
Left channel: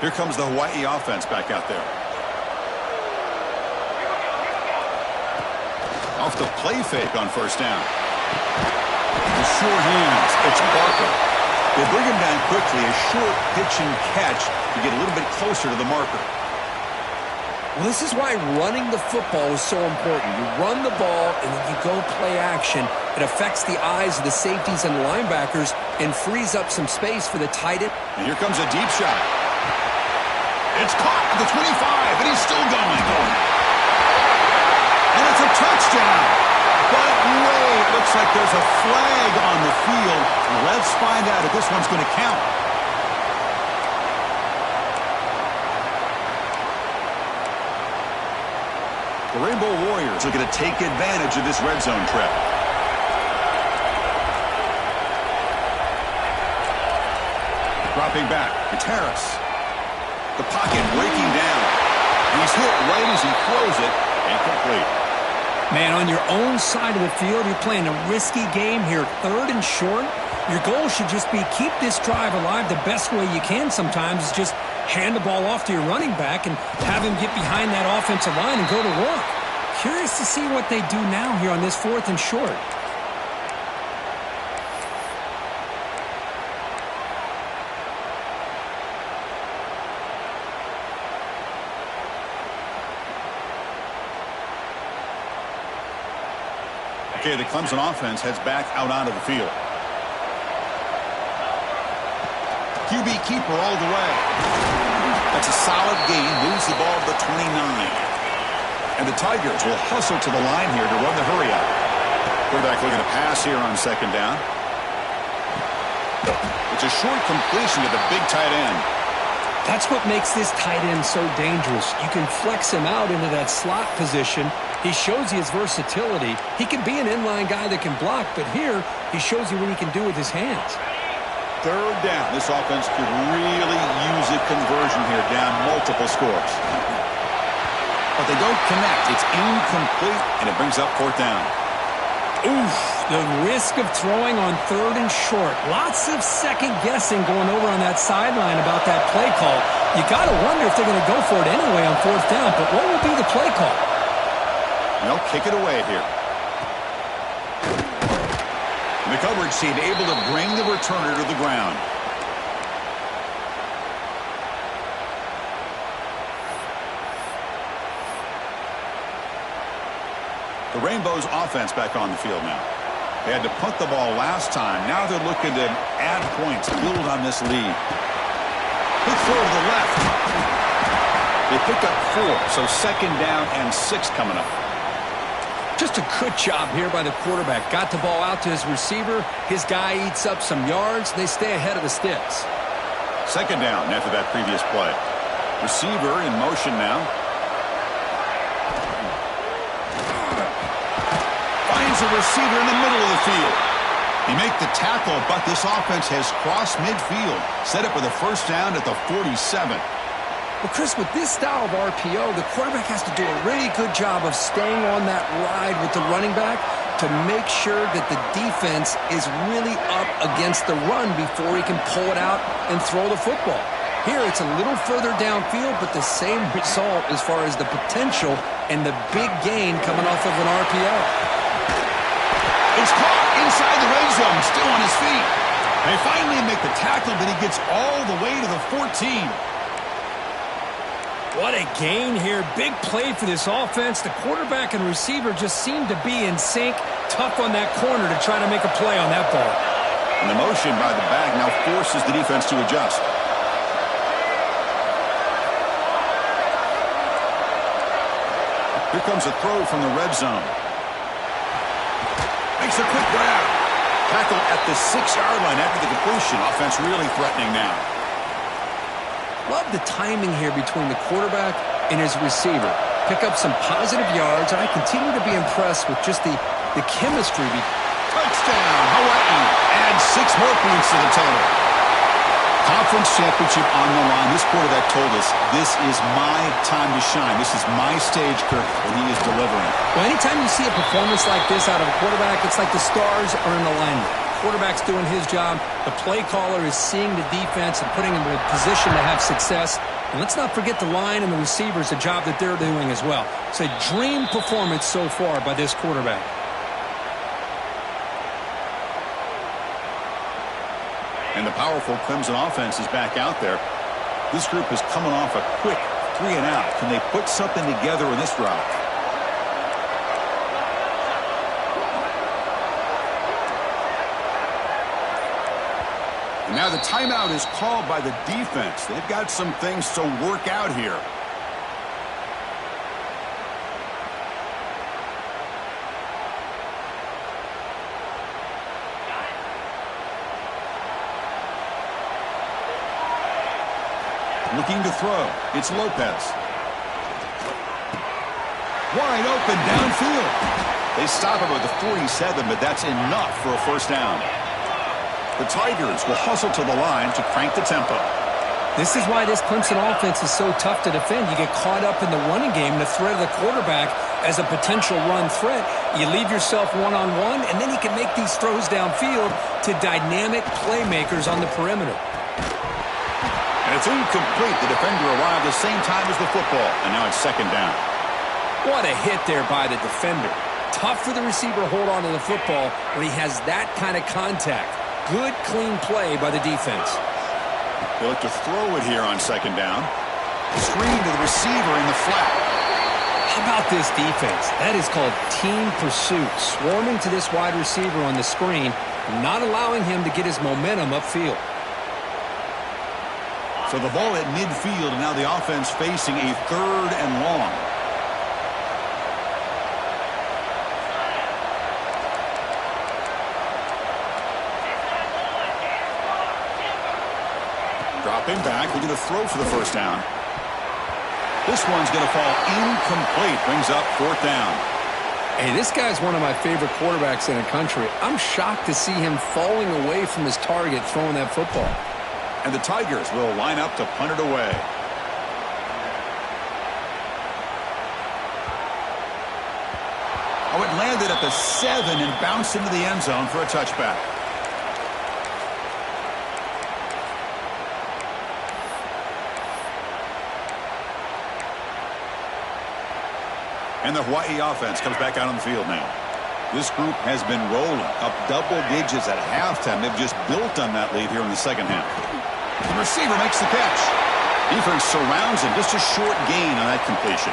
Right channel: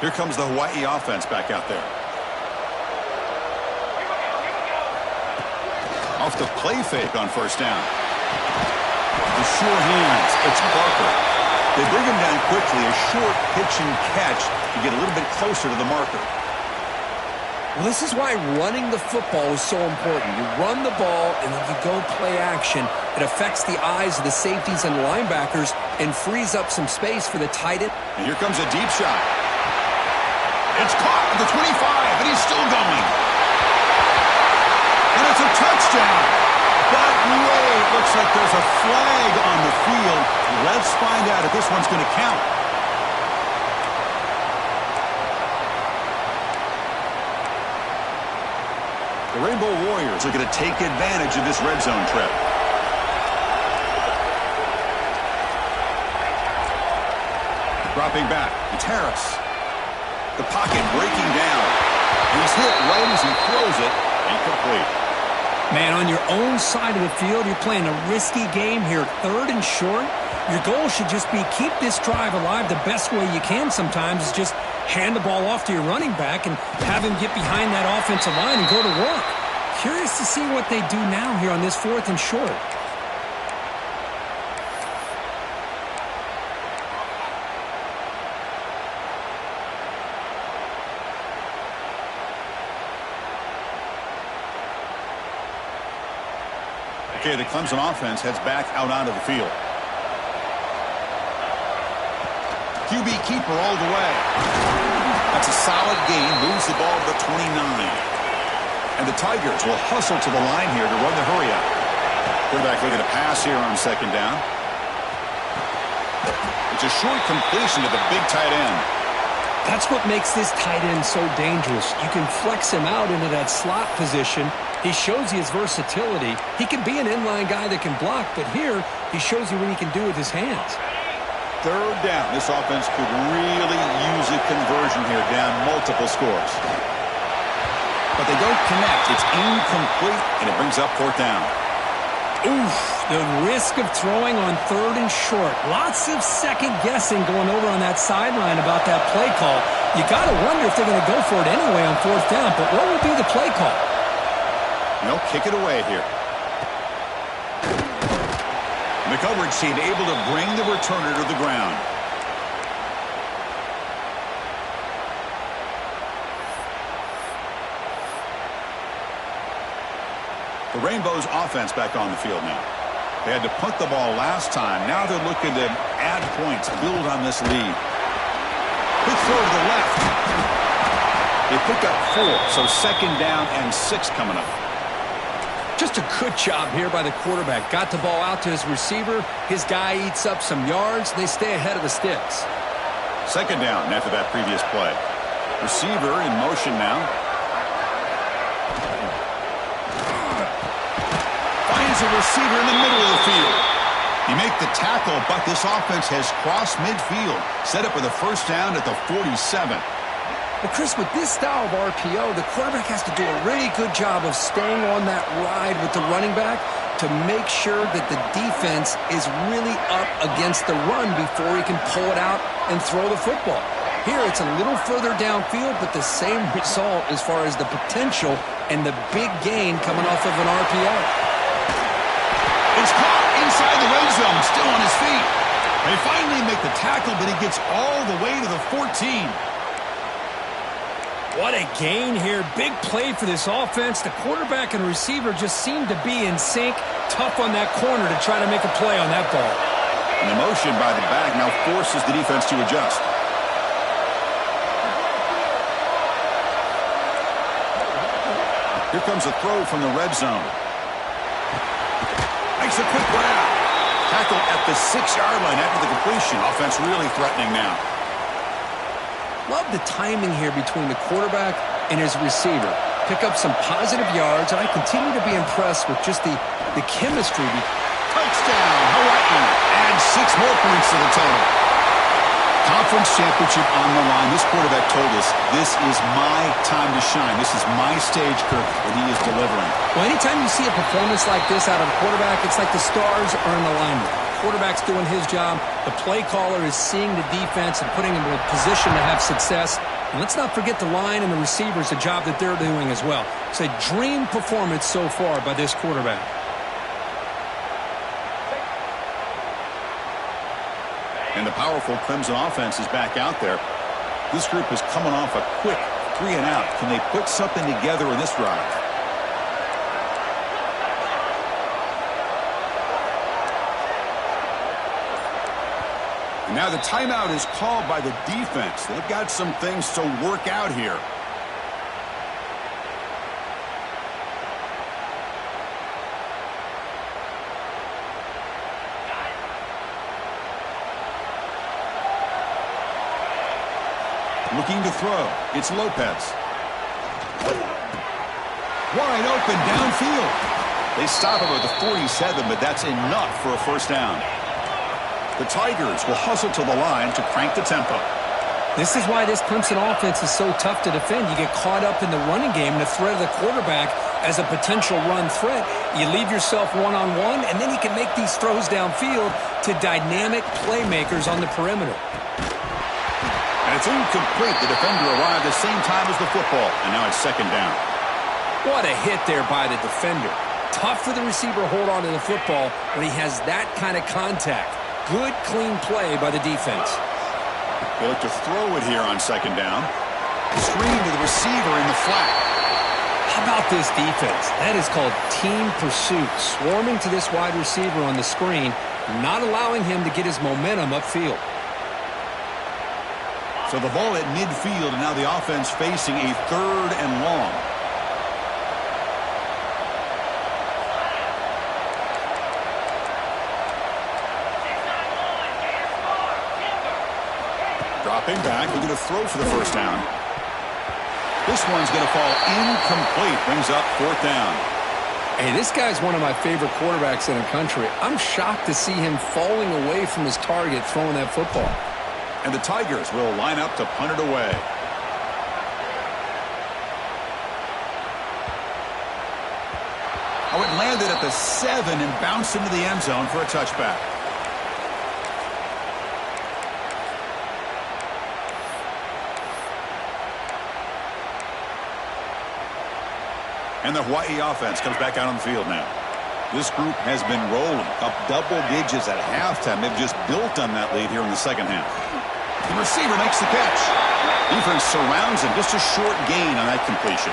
Here comes the Hawaii offense back out there. Off the play fake on first down. The sure hands. It's Barker. They bring him down quickly. A short pitch and catch to get a little bit closer to the marker. Well, this is why running the football is so important. You run the ball and then you go play action. It affects the eyes of the safeties and linebackers and frees up some space for the tight end. And here comes a deep shot. It's caught at the 25, and he's still going. And it's a touchdown. But wait, looks like there's a flag on the field. Let's find out if this one's going to count. The Rainbow Warriors are going to take advantage of this red zone trip. Dropping back, it's Harris. The pocket breaking down. He's hit right as he throws it. Incomplete. Man, on your own side of the field, you're playing a risky game here. 3rd and short. Your goal should just be keep this drive alive the best way you can sometimes is just hand the ball off to your running back and have him get behind that offensive line and go to work. Curious to see what they do now here on this 4th and short. Okay, the Clemson offense heads back out onto the field. QB keeper all the way. That's a solid gain. Moves the ball to the 29. And the Tigers will hustle to the line here to run the hurry up. Quarterback looking to pass here on second down. It's a short completion to the big tight end. That's what makes this tight end so dangerous. You can flex him out into that slot position. He shows you his versatility. He can be an inline guy that can block, but here he shows you what he can do with his hands. 3rd down. This offense could really use a conversion here, down multiple scores. But they don't connect. It's incomplete, and it brings up 4th down. Oof, the risk of throwing on 3rd and short. Lots of second guessing going over on that sideline about that play call. You got to wonder if they're going to go for it anyway on 4th down, but what will be the play call? They'll kick it away here. And the coverage team able to bring the returner to the ground. The Rainbows offense back on the field now. They had to punt the ball last time. Now they're looking to add points, build on this lead. Big throw to the left. They pick up 4, so 2nd down and 6 coming up. Just a good job here by the quarterback. Got the ball out to his receiver. His guy eats up some yards. They stay ahead of the sticks. 2nd down after that previous play. Receiver in motion now. Finds a receiver in the middle of the field. He make the tackle, but this offense has crossed midfield. Set up with a 1st down at the 47. Well, Chris, with this style of RPO, the quarterback has to do a really good job of staying on that ride with the running back to make sure that the defense is really up against the run before he can pull it out and throw the football. Here, it's a little further downfield, but the same result as far as the potential and the big gain coming off of an RPO. It's caught inside the red zone, still on his feet. They finally make the tackle, but he gets all the way to the 14. What a gain here. Big play for this offense. The quarterback and receiver just seem to be in sync. Tough on that corner to try to make a play on that ball. And the motion by the back now forces the defense to adjust. Here comes a throw from the red zone. Makes a quick grab. Tackle at the 6-yard line after the completion. Offense really threatening now. Love the timing here between the quarterback and his receiver. Pick up some positive yards, and I continue to be impressed with just the chemistry. Touchdown, Hawaii. Adds 6 more points to the total. Conference championship on the line. This quarterback told us, this is my time to shine. This is my stage, Kirk, and he is delivering. Well, anytime you see a performance like this out of a quarterback, it's like the stars are in alignment. Quarterback's doing his job. The play caller is seeing the defense and putting him in a position to have success. And let's not forget the line and the receivers, the job that they're doing as well. It's a dream performance so far by this quarterback. And the powerful Clemson offense is back out there. This group is coming off a quick 3-and-out. Can they put something together in this drive? And now the timeout is called by the defense. They've got some things to work out here. Looking to throw. It's Lopez. Wide open downfield. They stop him at the 47, but that's enough for a 1st down. The Tigers will hustle to the line to crank the tempo. This is why this Clemson offense is so tough to defend. You get caught up in the running game and the threat of the quarterback as a potential run threat. You leave yourself one-on-one, and then you can make these throws downfield to dynamic playmakers on the perimeter. And it's incomplete. The defender arrived the same time as the football, and now it's 2nd down. What a hit there by the defender. Tough for the receiver to hold on to the football when he has that kind of contact. Good, clean play by the defense. They look to throw it here on 2nd down. Screen to the receiver in the flat. How about this defense? That is called team pursuit. Swarming to this wide receiver on the screen, not allowing him to get his momentum upfield. So the ball at midfield, and now the offense facing a 3rd and long. Dropping back, looking to throw for the 1st down. This one's going to fall incomplete. Brings up 4th down. Hey, this guy's one of my favorite quarterbacks in the country. I'm shocked to see him falling away from his target throwing that football. And the Tigers will line up to punt it away. Oh, it landed at the 7 and bounced into the end zone for a touchback. And the Hawaii offense comes back out on the field now. This group has been rolling up double digits at halftime. They've just built on that lead here in the second half. The receiver makes the catch. Defense surrounds him. Just a short gain on that completion.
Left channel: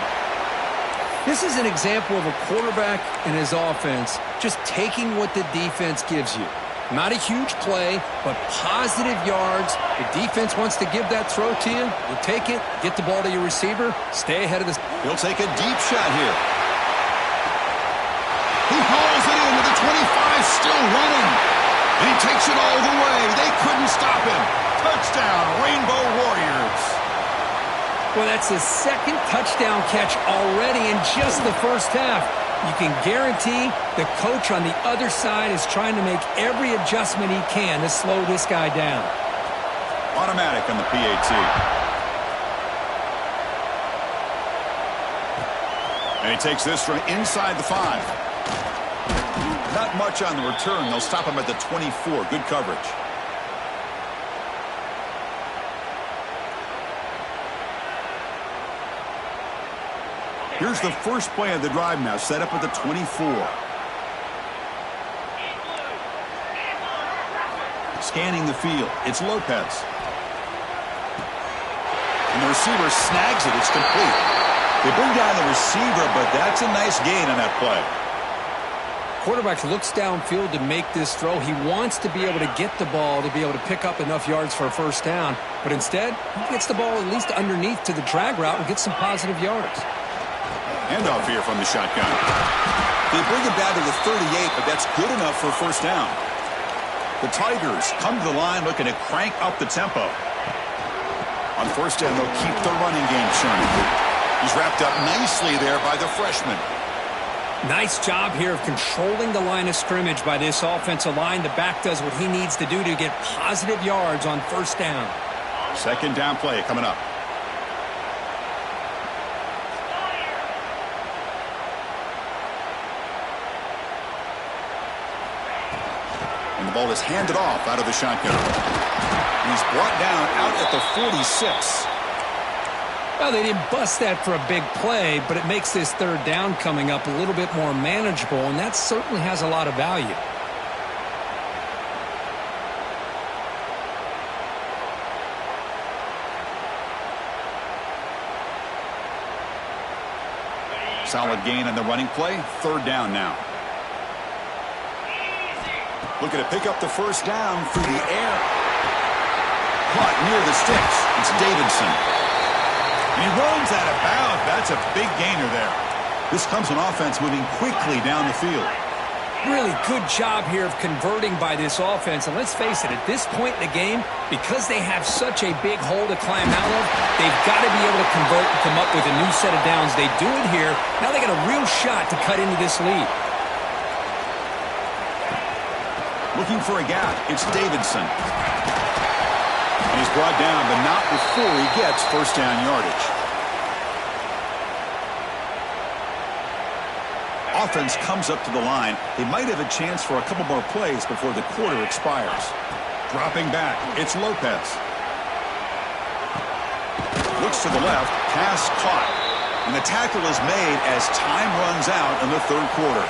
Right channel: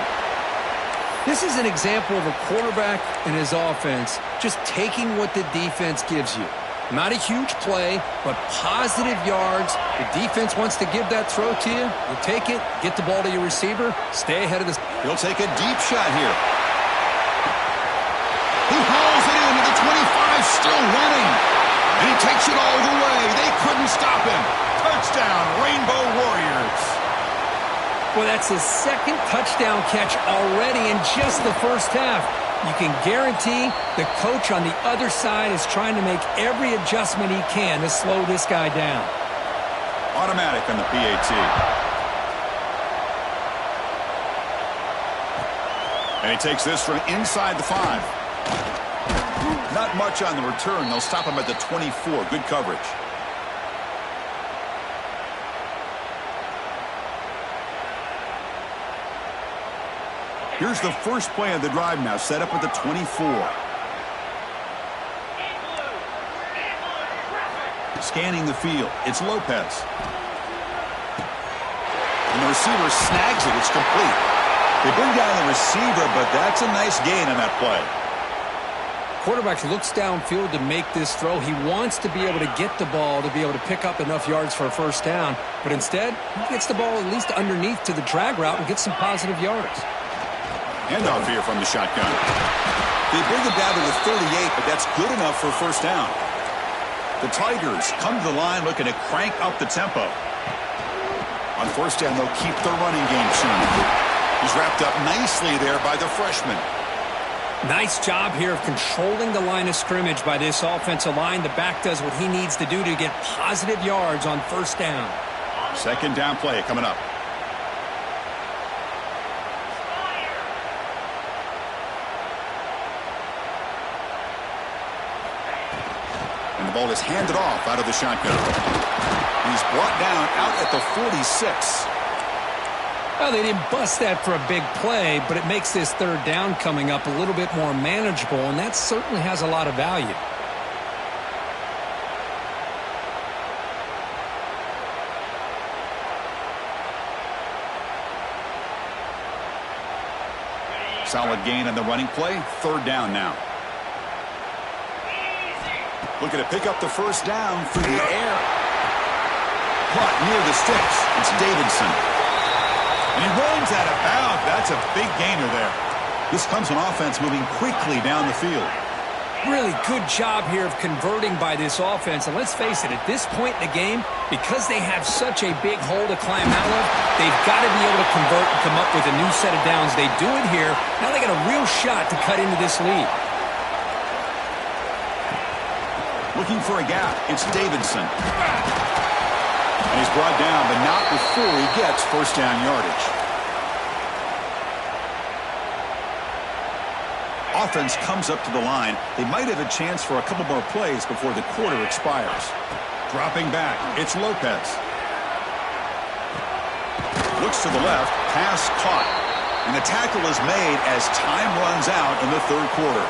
This is an example of a quarterback and his offense just taking what the defense gives you. Not a huge play, but positive yards. The defense wants to give that throw to you. You take it, get the ball to your receiver, stay ahead of this. He'll take a deep shot here. He hauls it into the 25, still running. And he takes it all the way. They couldn't stop him. Touchdown, Rainbow Warriors. Well, that's his second touchdown catch already in just the first half. You can guarantee the coach on the other side is trying to make every adjustment he can to slow this guy down. Automatic on the PAT. And he takes this from inside the 5. Not much on the return. They'll stop him at the 24. Good coverage. Here's the first play of the drive now, set up at the 24. Scanning the field, it's Lopez. And the receiver snags it, it's complete. They bring down the receiver, but that's a nice gain on that play. Quarterback looks downfield to make this throw. He wants to be able to get the ball to be able to pick up enough yards for a first down, but instead, he gets the ball at least underneath to the drag route and gets some positive yards. Handoff here from the shotgun. They bring it down to the 38, but that's good enough for a first down. The Tigers come to the line looking to crank up the tempo. On first down, they'll keep the running game churning. He's wrapped up nicely there by the freshman. Nice job here of controlling the line of scrimmage by this offensive line. The back does what he needs to do to get positive yards on first down. Second down play coming up. And the ball is handed off out of the shotgun. He's brought down out at the 46. Well, they didn't bust that for a big play, but it makes this third down coming up a little bit more manageable, and that certainly has a lot of value. Solid gain on the running play. Third down now. Looking to pick up the first down through the air. Caught near the sticks. It's Davidson. And he runs out of bounds. That's a big gainer there. This comes on offense moving quickly down the field. Really good job here of converting by this offense. And let's face it, at this point in the game, because they have such a big hole to climb out of, they've got to be able to convert and come up with a new set of downs. They do it here. Now they got a real shot to cut into this lead. Looking for a gap. It's Davidson. And he's brought down, but not before he gets first down yardage. Offense comes up to the line. They might have a chance for a couple more plays before the quarter expires. Dropping back, it's Lopez. Looks to the left, pass caught. And the tackle is made as time runs out in the third quarter.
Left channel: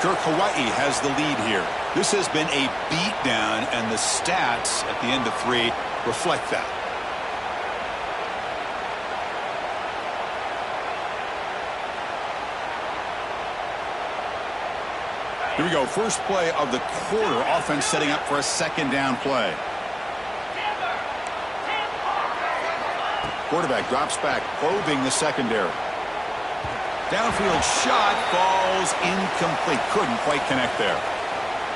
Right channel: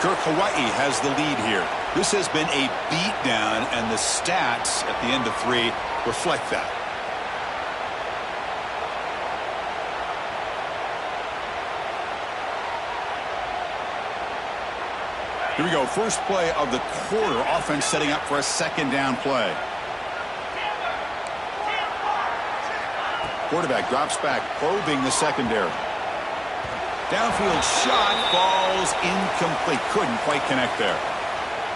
Kirk, Hawaii has the lead here. This has been a beatdown, and the stats at the end of 3 reflect that. Here we go. First play of the quarter. Offense setting up for a second down play. Quarterback drops back, probing the secondary. Downfield shot falls incomplete. Couldn't quite connect there.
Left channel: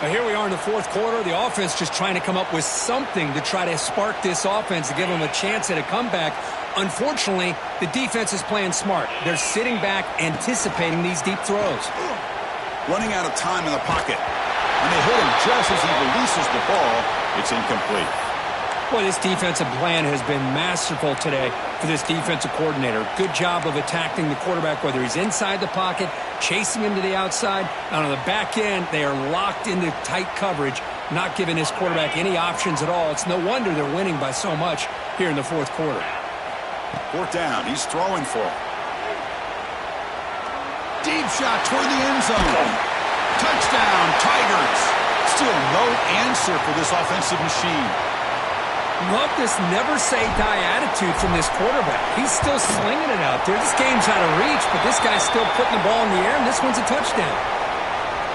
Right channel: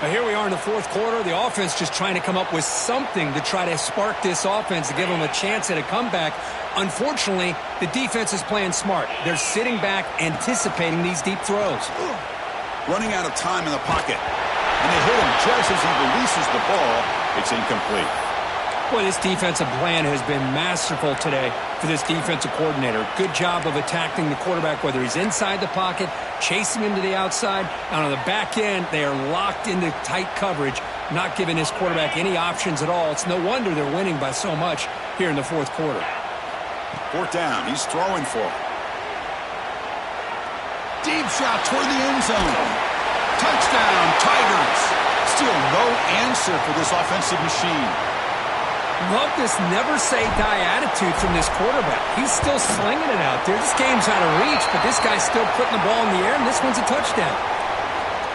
Now here we are in the fourth quarter. The offense just trying to come up with something to try to spark this offense to give them a chance at a comeback. Unfortunately, the defense is playing smart. They're sitting back, anticipating these deep throws. Running out of time in the pocket. And they hit him just as he releases the ball. It's incomplete. Boy, this defensive plan has been masterful today for this defensive coordinator. Good job of attacking the quarterback, whether he's inside the pocket, chasing him to the outside. And on the back end, they are locked into tight coverage, not giving his quarterback any options at all. It's no wonder they're winning by so much here in the fourth quarter. Fourth down. He's throwing for it. Deep shot toward the end zone. Touchdown, Tigers. Still no answer for this offensive machine. Love this never-say-die attitude from this quarterback. He's still slinging it out there. This game's out of reach, but this guy's still putting the ball in the air, and this one's a touchdown.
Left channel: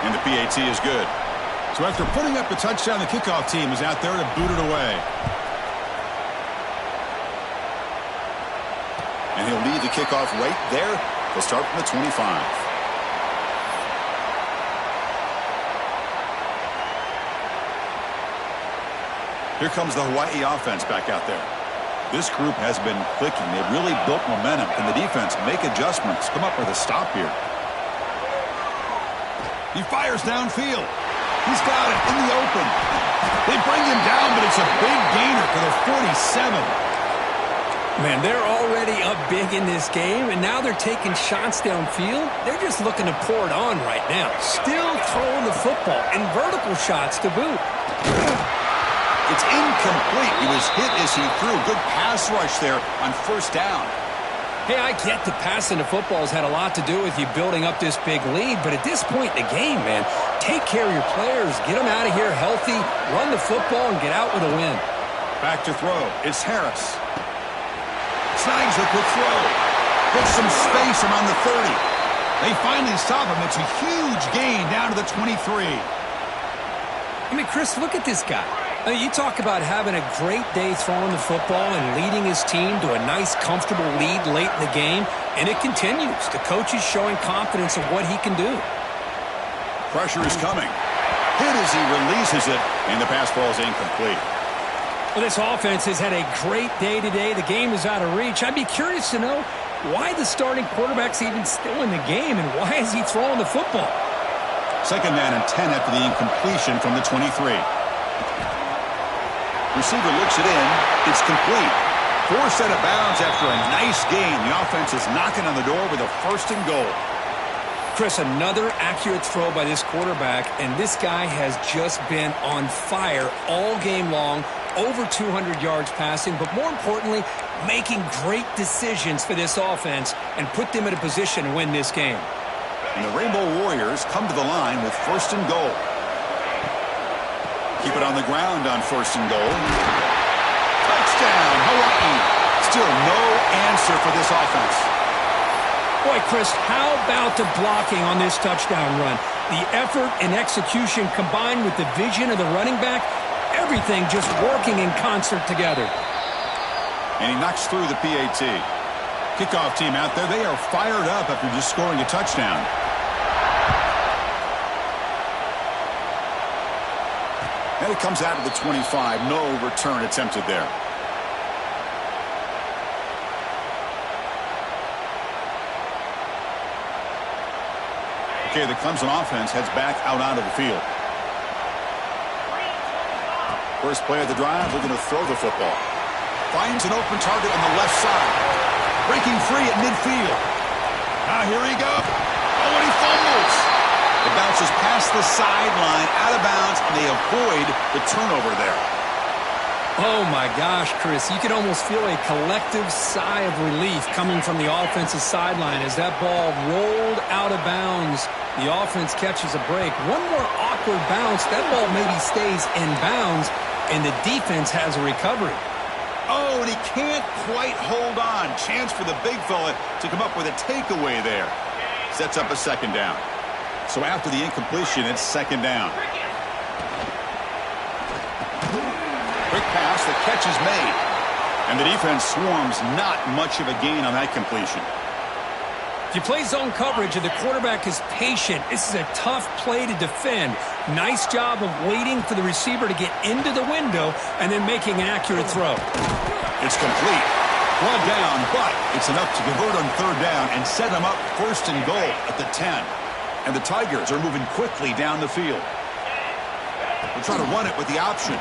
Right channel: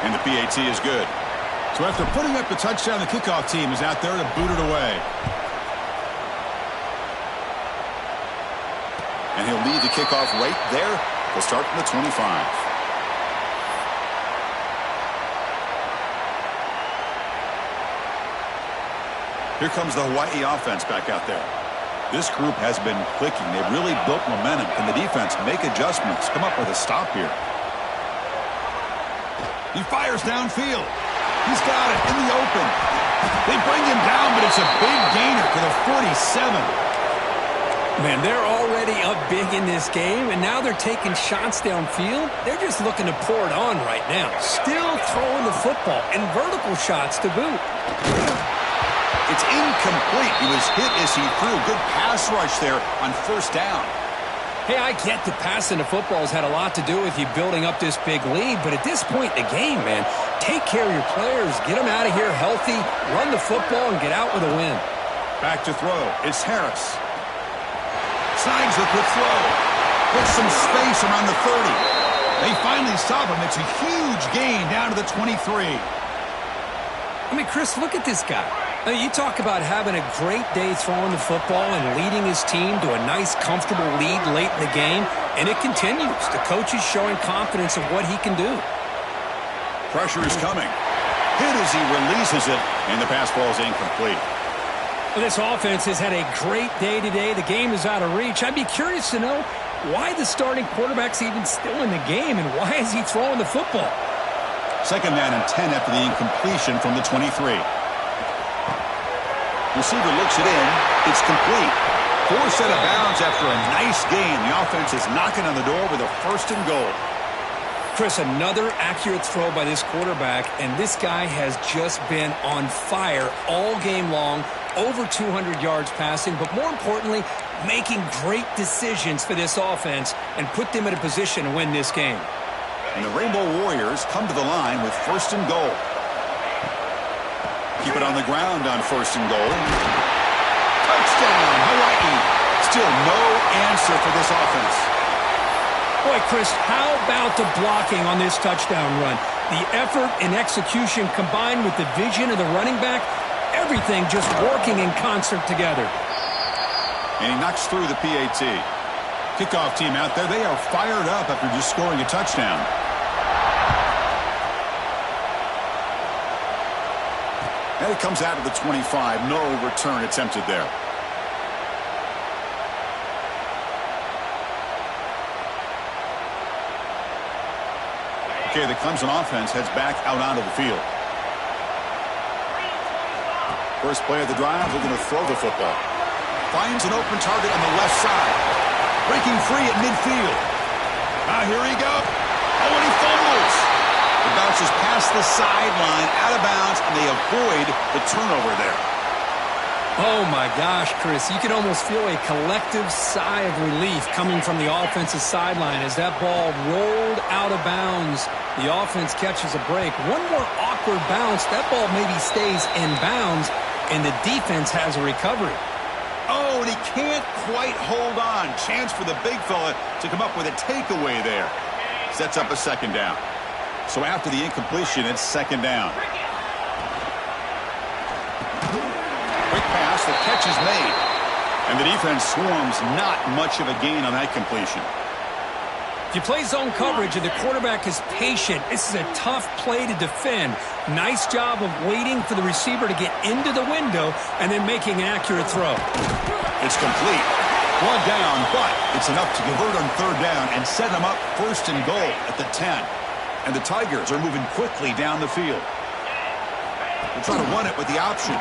And the PAT is good. So after putting up the touchdown, the kickoff team is out there to boot it away. And he'll lead the kickoff right there. They'll start from the 25. Here comes the Hawaii offense back out there. This group has been clicking. They've really built momentum. Can the defense make adjustments? Come up with a stop here. He fires downfield. He's got it in the open. They bring him down, but it's a big gainer to the 47. Man, they're already up big in this game, and now they're taking shots downfield. They're just looking to pour it on right now. Still throwing the football, and vertical shots to boot. It's incomplete. He was hit as he threw. Good pass rush there on first down. Hey, I get that passing the football has had a lot to do with you building up this big lead, but at this point in the game, man, take care of your players. Get them out of here healthy, run the football, and get out with a win. Back to throw. It's Harris. Snags a quick throw. Gets some space around the 30. They finally stop him. It's a huge gain down to the 23. I mean, Chris, look at this guy. You talk about having a great day throwing the football and leading his team to a nice, comfortable lead late in the game, and it continues. The coach is showing confidence of what he can do. Pressure is coming. Hit as he releases it, and the pass ball is incomplete. Well, this offense has had a great day today. The game is out of reach. I'd be curious to know why the starting quarterback's even still in the game, and why is he throwing the football? Second down and 10 after the incompletion from the 23. Receiver looks it in. It's complete. Forced out of bounds after a nice gain. The offense is knocking on the door with a first and goal. Chris, another accurate throw by this quarterback, and this guy has just been on fire all game long. Over 200 yards passing, but more importantly, making great decisions for this offense and put them in a position to win this game. And the Rainbow Warriors come to the line with first and goal. Keep it on the ground on first and goal. Touchdown, Hawaii. Still no answer for this offense. Boy, Chris, how about the blocking on this touchdown run? The effort and execution combined with the vision of the running back, everything just working in concert together. And he knocks through the PAT. Kickoff team out there, they are fired up after just scoring a touchdown. And it comes out of the 25. No return attempted there. Okay, the Clemson offense heads back out onto the field. First play of the drive, they're going to throw the football. Finds an open target on the left side. Breaking free at midfield. Now here he goes. Oh, and he fumbles. It bounces past the sideline, out of bounds, and they avoid the turnover there. Oh, my gosh, Chris. You can almost feel a collective sigh of relief coming from the offensive sideline as that ball rolled out of bounds. The offense catches a break. One more awkward bounce. That ball maybe stays in bounds, and the defense has a recovery. Oh, and he can't quite hold on. Chance for the big fella to come up with a takeaway there. Sets up a second down. So after the incompletion, it's second down. Quick pass, the catch is made. And the defense swarms, not much of a gain on that completion. If you play zone coverage and the quarterback is patient, this is a tough play to defend. Nice job of waiting for the receiver to get into the window and then making an accurate throw. It's complete. One down, but it's enough to convert on third down and set them up first and goal at the 10. And the Tigers are moving quickly down the field. They'll try to run it with the option.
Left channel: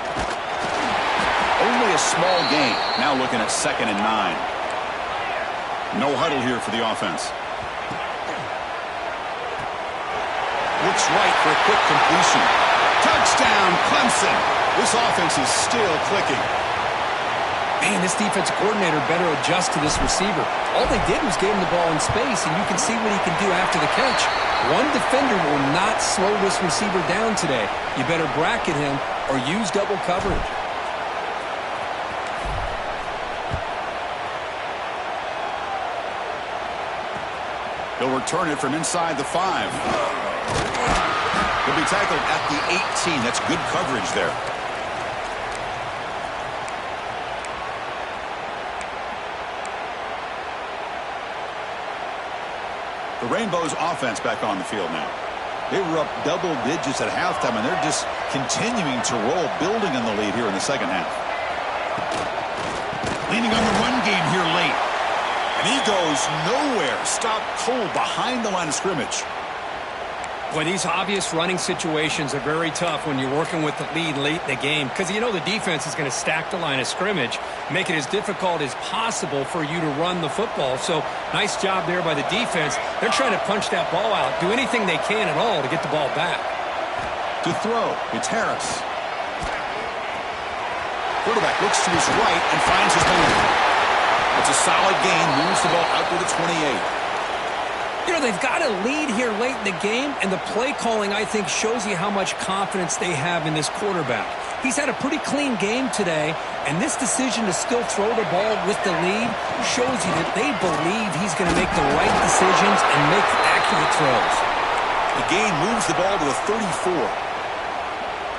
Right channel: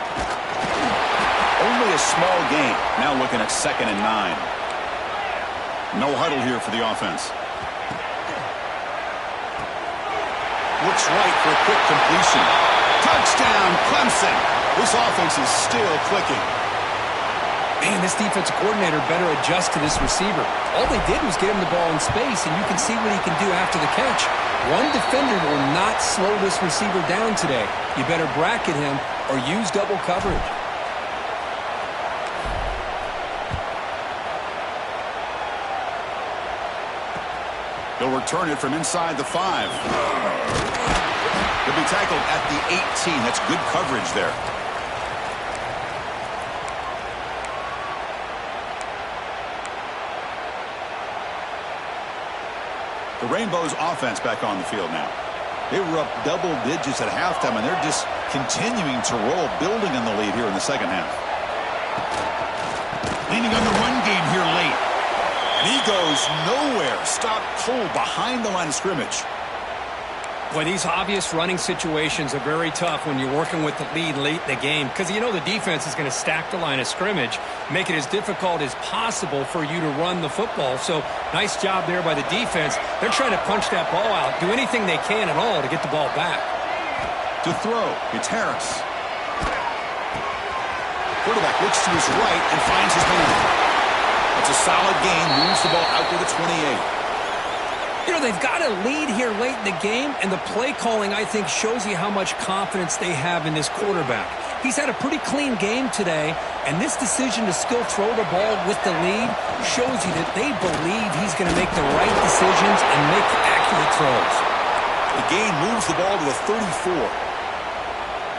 Only a small gain. Now looking at 2nd and 9. No huddle here for the offense. Looks right for a quick completion. Touchdown, Clemson. This offense is still clicking. Man, this defensive coordinator better adjust to this receiver. All they did was get him the ball in space, and you can see what he can do after the catch. One defender will not slow this receiver down today. You better bracket him or use double coverage. He'll return it from inside the 5. He'll be tackled at the 18. That's good coverage there. The Rainbows offense back on the field now. They were up double digits at halftime, and they're just continuing to roll, building on the lead here in the second half. Leaning on the run game here late. And he goes nowhere. Stopped cold behind the line of scrimmage. Well, these obvious running situations are very tough when you're working with the lead late in the game because you know the defense is going to stack the line of scrimmage, make it as difficult as possible for you to run the football. So nice job there by the defense. They're trying to punch that ball out, do anything they can at all to get the ball back. To throw, it's Harris. Quarterback looks to his right and finds his man. It's a solid gain, moves the ball out to the 28. You know, they've got a lead here late in the game, and the play calling, I think, shows you how much confidence they have in this quarterback. He's had a pretty clean game today, and this decision to still throw the ball with the lead shows you that they believe he's going to make the right decisions and make accurate throws. The gain moves the ball to the 34.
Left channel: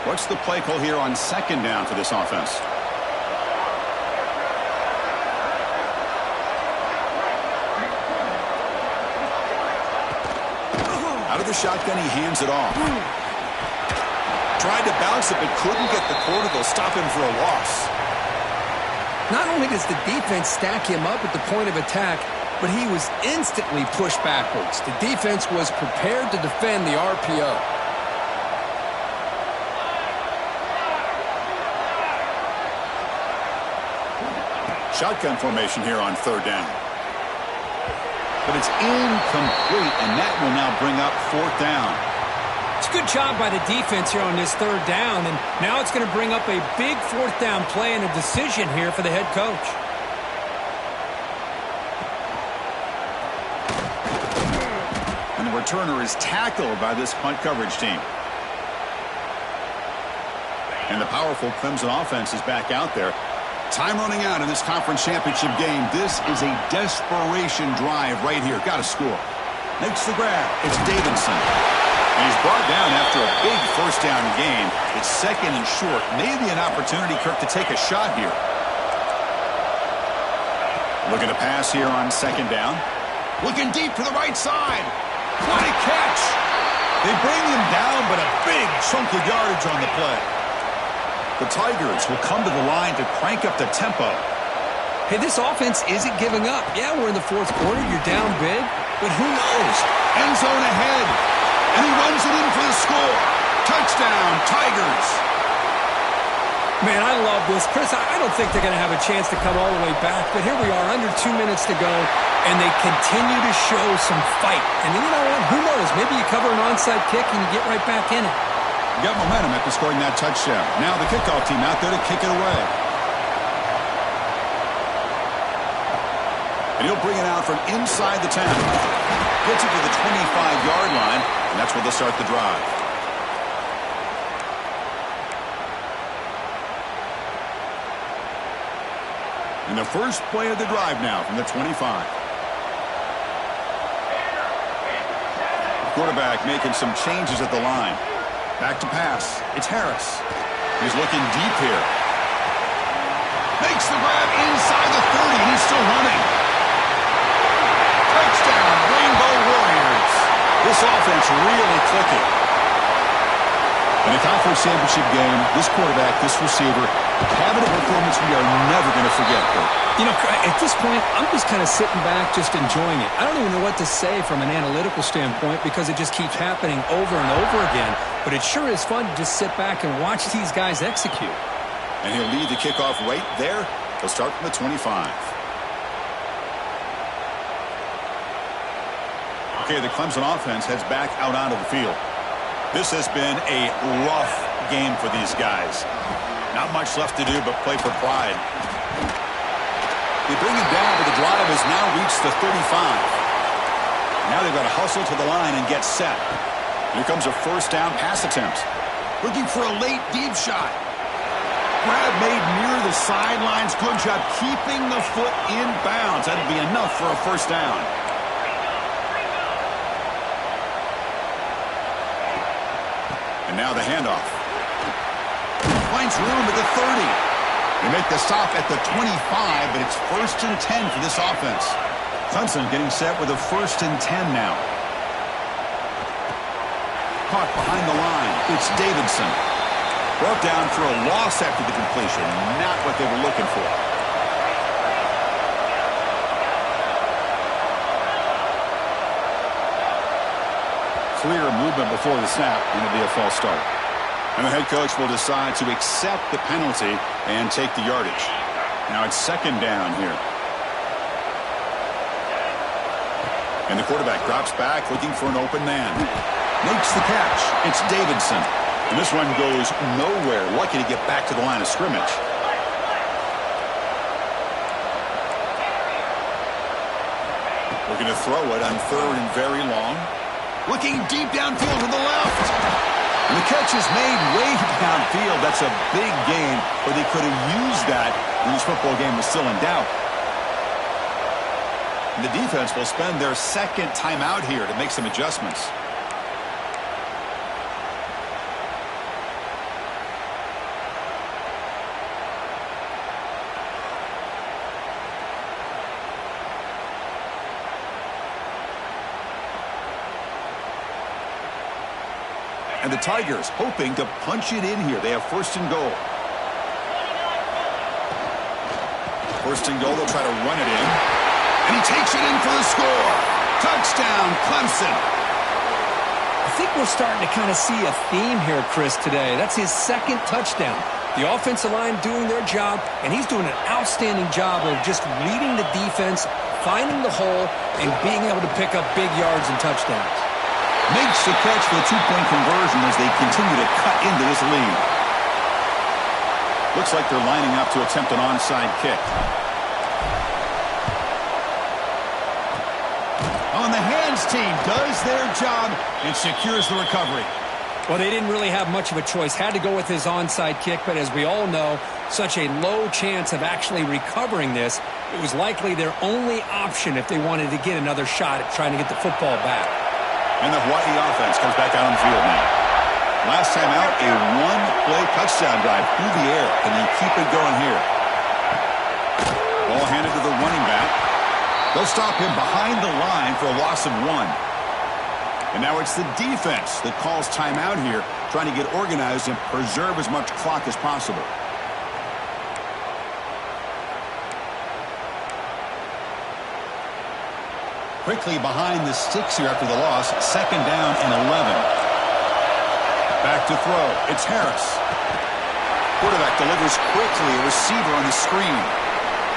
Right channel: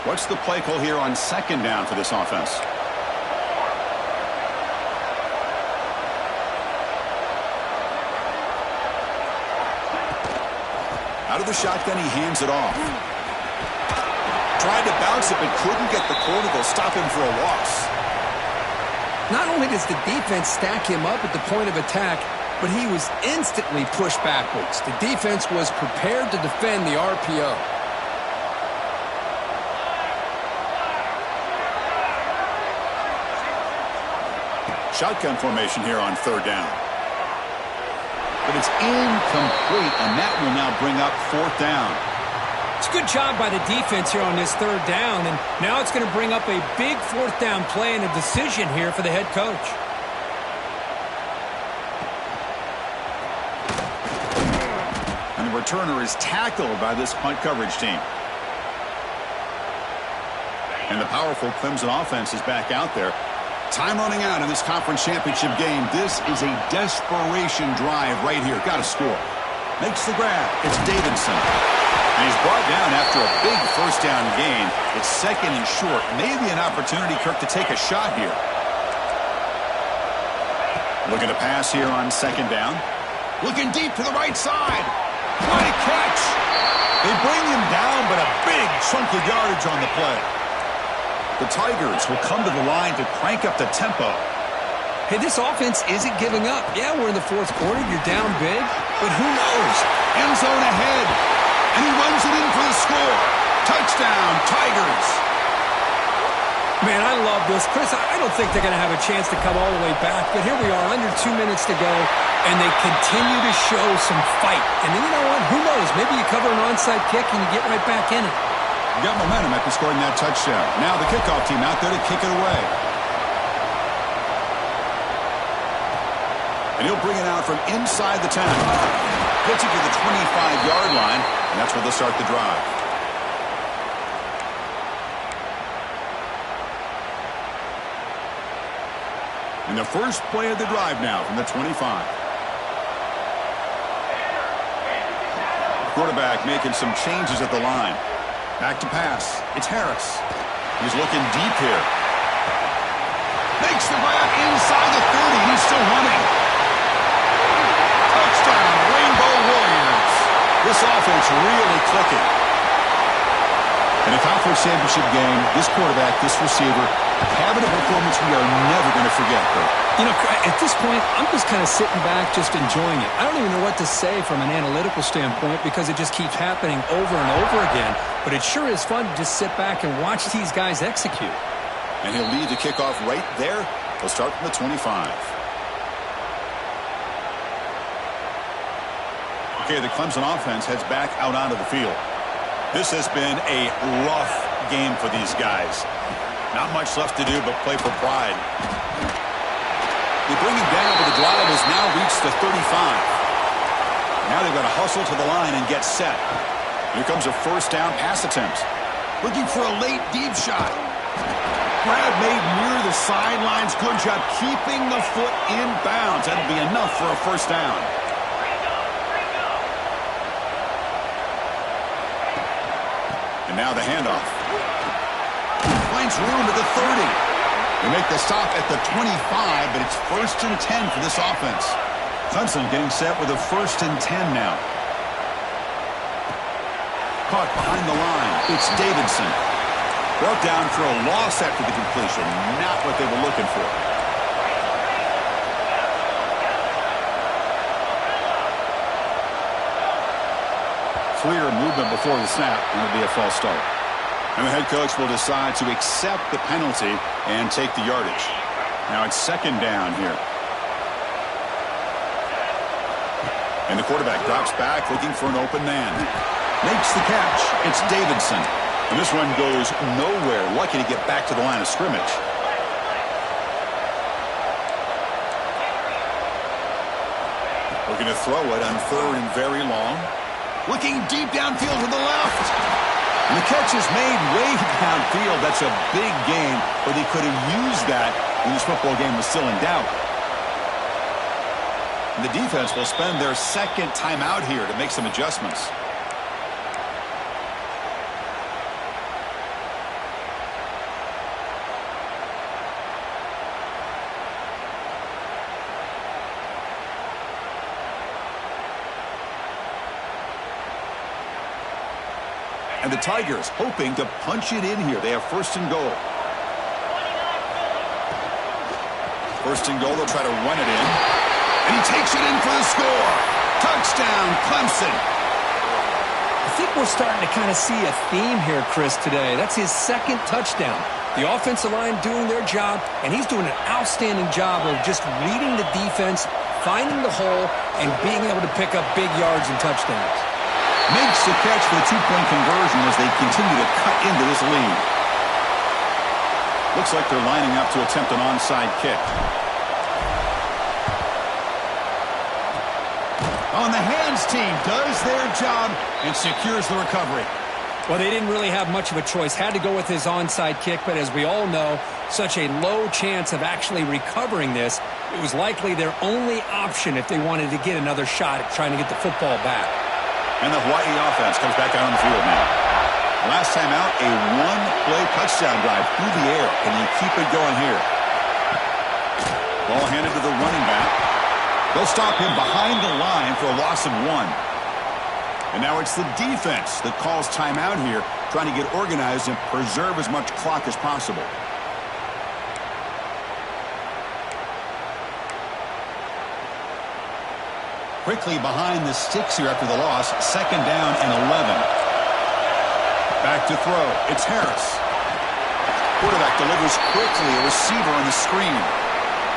What's the play call here on 2nd down for this offense? Out of the shotgun, he hands it off. Tried to bounce it, but couldn't get the corner to stop him for a loss. Not only does the defense stack him up at the point of attack, but he was instantly pushed backwards. The defense was prepared to defend the RPO. Shotgun formation here on 3rd down. But it's incomplete, and that will now bring up 4th down. It's a good job by the defense here on this 3rd down, and now it's going to bring up a big 4th down play and a decision here for the head coach. And the returner is tackled by this punt coverage team. And the powerful Clemson offense is back out there. Time running out in this conference championship game. This is a desperation drive right here. Got to score. Makes the grab. It's Davidson. And he's brought down after a big 1st down gain. It's 2nd and short. Maybe an opportunity, Kirk, to take a shot here. Looking to pass here on 2nd down. Looking deep to the right side. What a catch. They bring him down, but a big chunk of yardage on the play. The Tigers will come to the line to crank up the tempo. Hey, this offense isn't giving up. Yeah, we're in the 4th quarter. You're down big, but who knows? End zone ahead, and he runs it in for the score. Touchdown, Tigers. Man, I love this. Chris, I don't think they're going to have a chance to come all the way back, but here we are, under 2 minutes to go, and they continue to show some fight. And then you know what? Who knows? Maybe you cover an onside kick and you get right back in it. Got momentum after scoring that touchdown. Now the kickoff team out there to kick it away. And he'll bring it out from inside the 10. Gets it to the 25-yard line, and that's where they'll start the drive. And the first play of the drive now from the 25. Quarterback making some changes at the line. Back to pass. It's Harris. He's looking deep here. Makes the grab inside the 30, and he's still running. Touchdown, Rainbow Warriors. This offense really clicking. In a conference championship game, this quarterback, this receiver, having a performance we are never going to forget, Kurt. You know, at this point, I'm just kind of sitting back, just enjoying it. I don't even know what to say from an analytical standpoint because it just keeps happening over and over again. But it sure is fun to just sit back and watch these guys execute. And he'll lead the kickoff right there. He'll start from the 25. Okay, the Clemson offense heads back out onto the field. This has been a rough game for these guys. Not much left to do but play for pride. They bring him down, but the drive has now reached the 35. Now they've got to hustle to the line and get set. Here comes a first down pass attempt. Looking for a late deep shot. Grab made near the sidelines. Good job keeping the foot in bounds. That'll be enough for a first down. And now the handoff. Finds room at the 30. They make the stop at the 25, but it's 1st and 10 for this offense. Clemson getting set with a 1st and 10 now. Caught behind the line. It's Davidson. Brought down for a loss after the completion. Not what they were looking for. Clear movement before the snap, and it'll be a false start. And the head coach will decide to accept the penalty and take the yardage. Now it's 2nd down here. And the quarterback drops back looking for an open man. Makes the catch. It's Davidson. And this one goes nowhere. Lucky to get back to the line of scrimmage. Looking to throw it on 3rd and very long. Looking deep downfield to the left. And the catch is made way downfield. That's a big gain, but they could have used that when this football game was still in doubt. And the defense will spend their 2nd timeout here to make some adjustments. And the Tigers hoping to punch it in here. They have 1st and goal. 1st and goal, they'll try to run it in. And he takes it in for the score. Touchdown, Clemson. I think we're starting to kind of see a theme here, Chris, today. That's his 2nd touchdown. The offensive line doing their job, and he's doing an outstanding job of just reading the defense, finding the hole, and being able to pick up big yards and touchdowns. Makes the catch for the 2-point conversion as they continue to cut into this lead. Looks like they're lining up to attempt an onside kick. On the hands team does their job and secures the recovery. Well, they didn't really have much of a choice. Had to go with his onside kick, but as we all know, such a low chance of actually recovering this. It was likely their only option if they wanted to get another shot at trying to get the football back. And the Hawaii offense comes back out on the field now. Last time out, a 1-play touchdown drive through the air. Can they keep it going here? Ball handed to the running back. They'll stop him behind the line for a loss of 1. And now it's the defense that calls timeout here, trying to get organized and preserve as much clock as possible. Quickly behind the sticks here after the loss. 2nd down and 11. Back to throw. It's Harris. Quarterback delivers quickly. A receiver on the screen.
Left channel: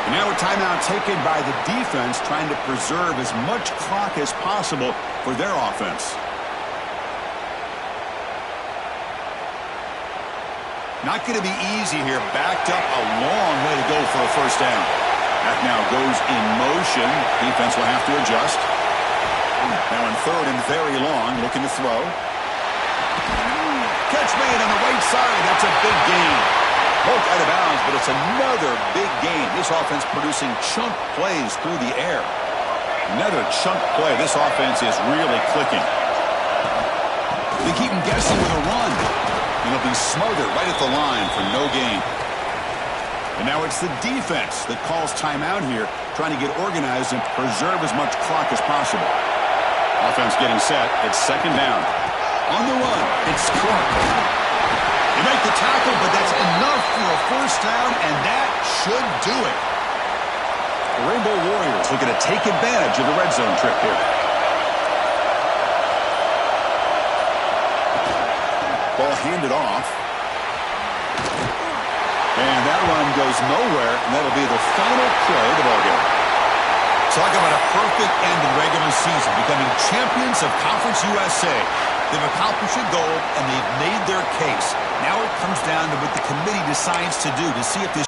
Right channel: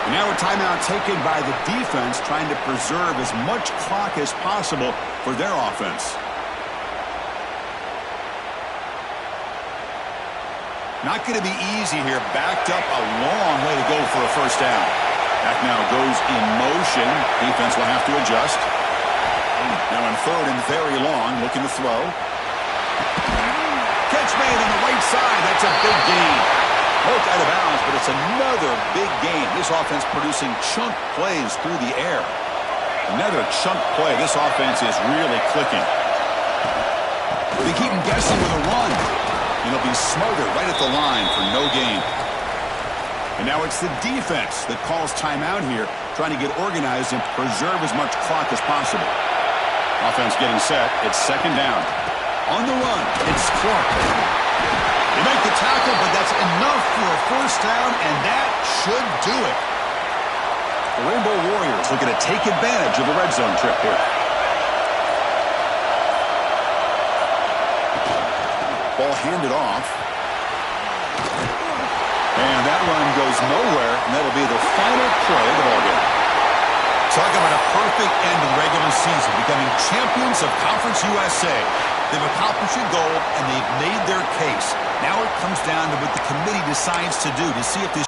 And now a timeout taken by the defense, trying to preserve as much clock as possible for their offense. Not going to be easy here. Backed up a long way to go for a first down. That now goes in motion. Defense will have to adjust. Now on 3rd and very long, looking to throw. Catch made on the right side. That's a big gain. Broke out of bounds, but it's another big gain. This offense producing chunk plays through the air. Another chunk play. This offense is really clicking. They keep him guessing with a run. And he'll be smothered right at the line for no gain. And now it's the defense that calls timeout here, trying to get organized and preserve as much clock as possible. Offense getting set. It's 2nd down. On the run, it's Clark. They make the tackle, but that's enough for a first down, and that should do it. The Rainbow Warriors looking to take advantage of the red zone trip here. Ball handed off. And that run goes nowhere, and that'll be the final play of the ballgame. Talk about a perfect end to the regular season, becoming champions of Conference USA. They've accomplished a goal, and they've made their case. Now it comes down to what the committee decides to do to see if this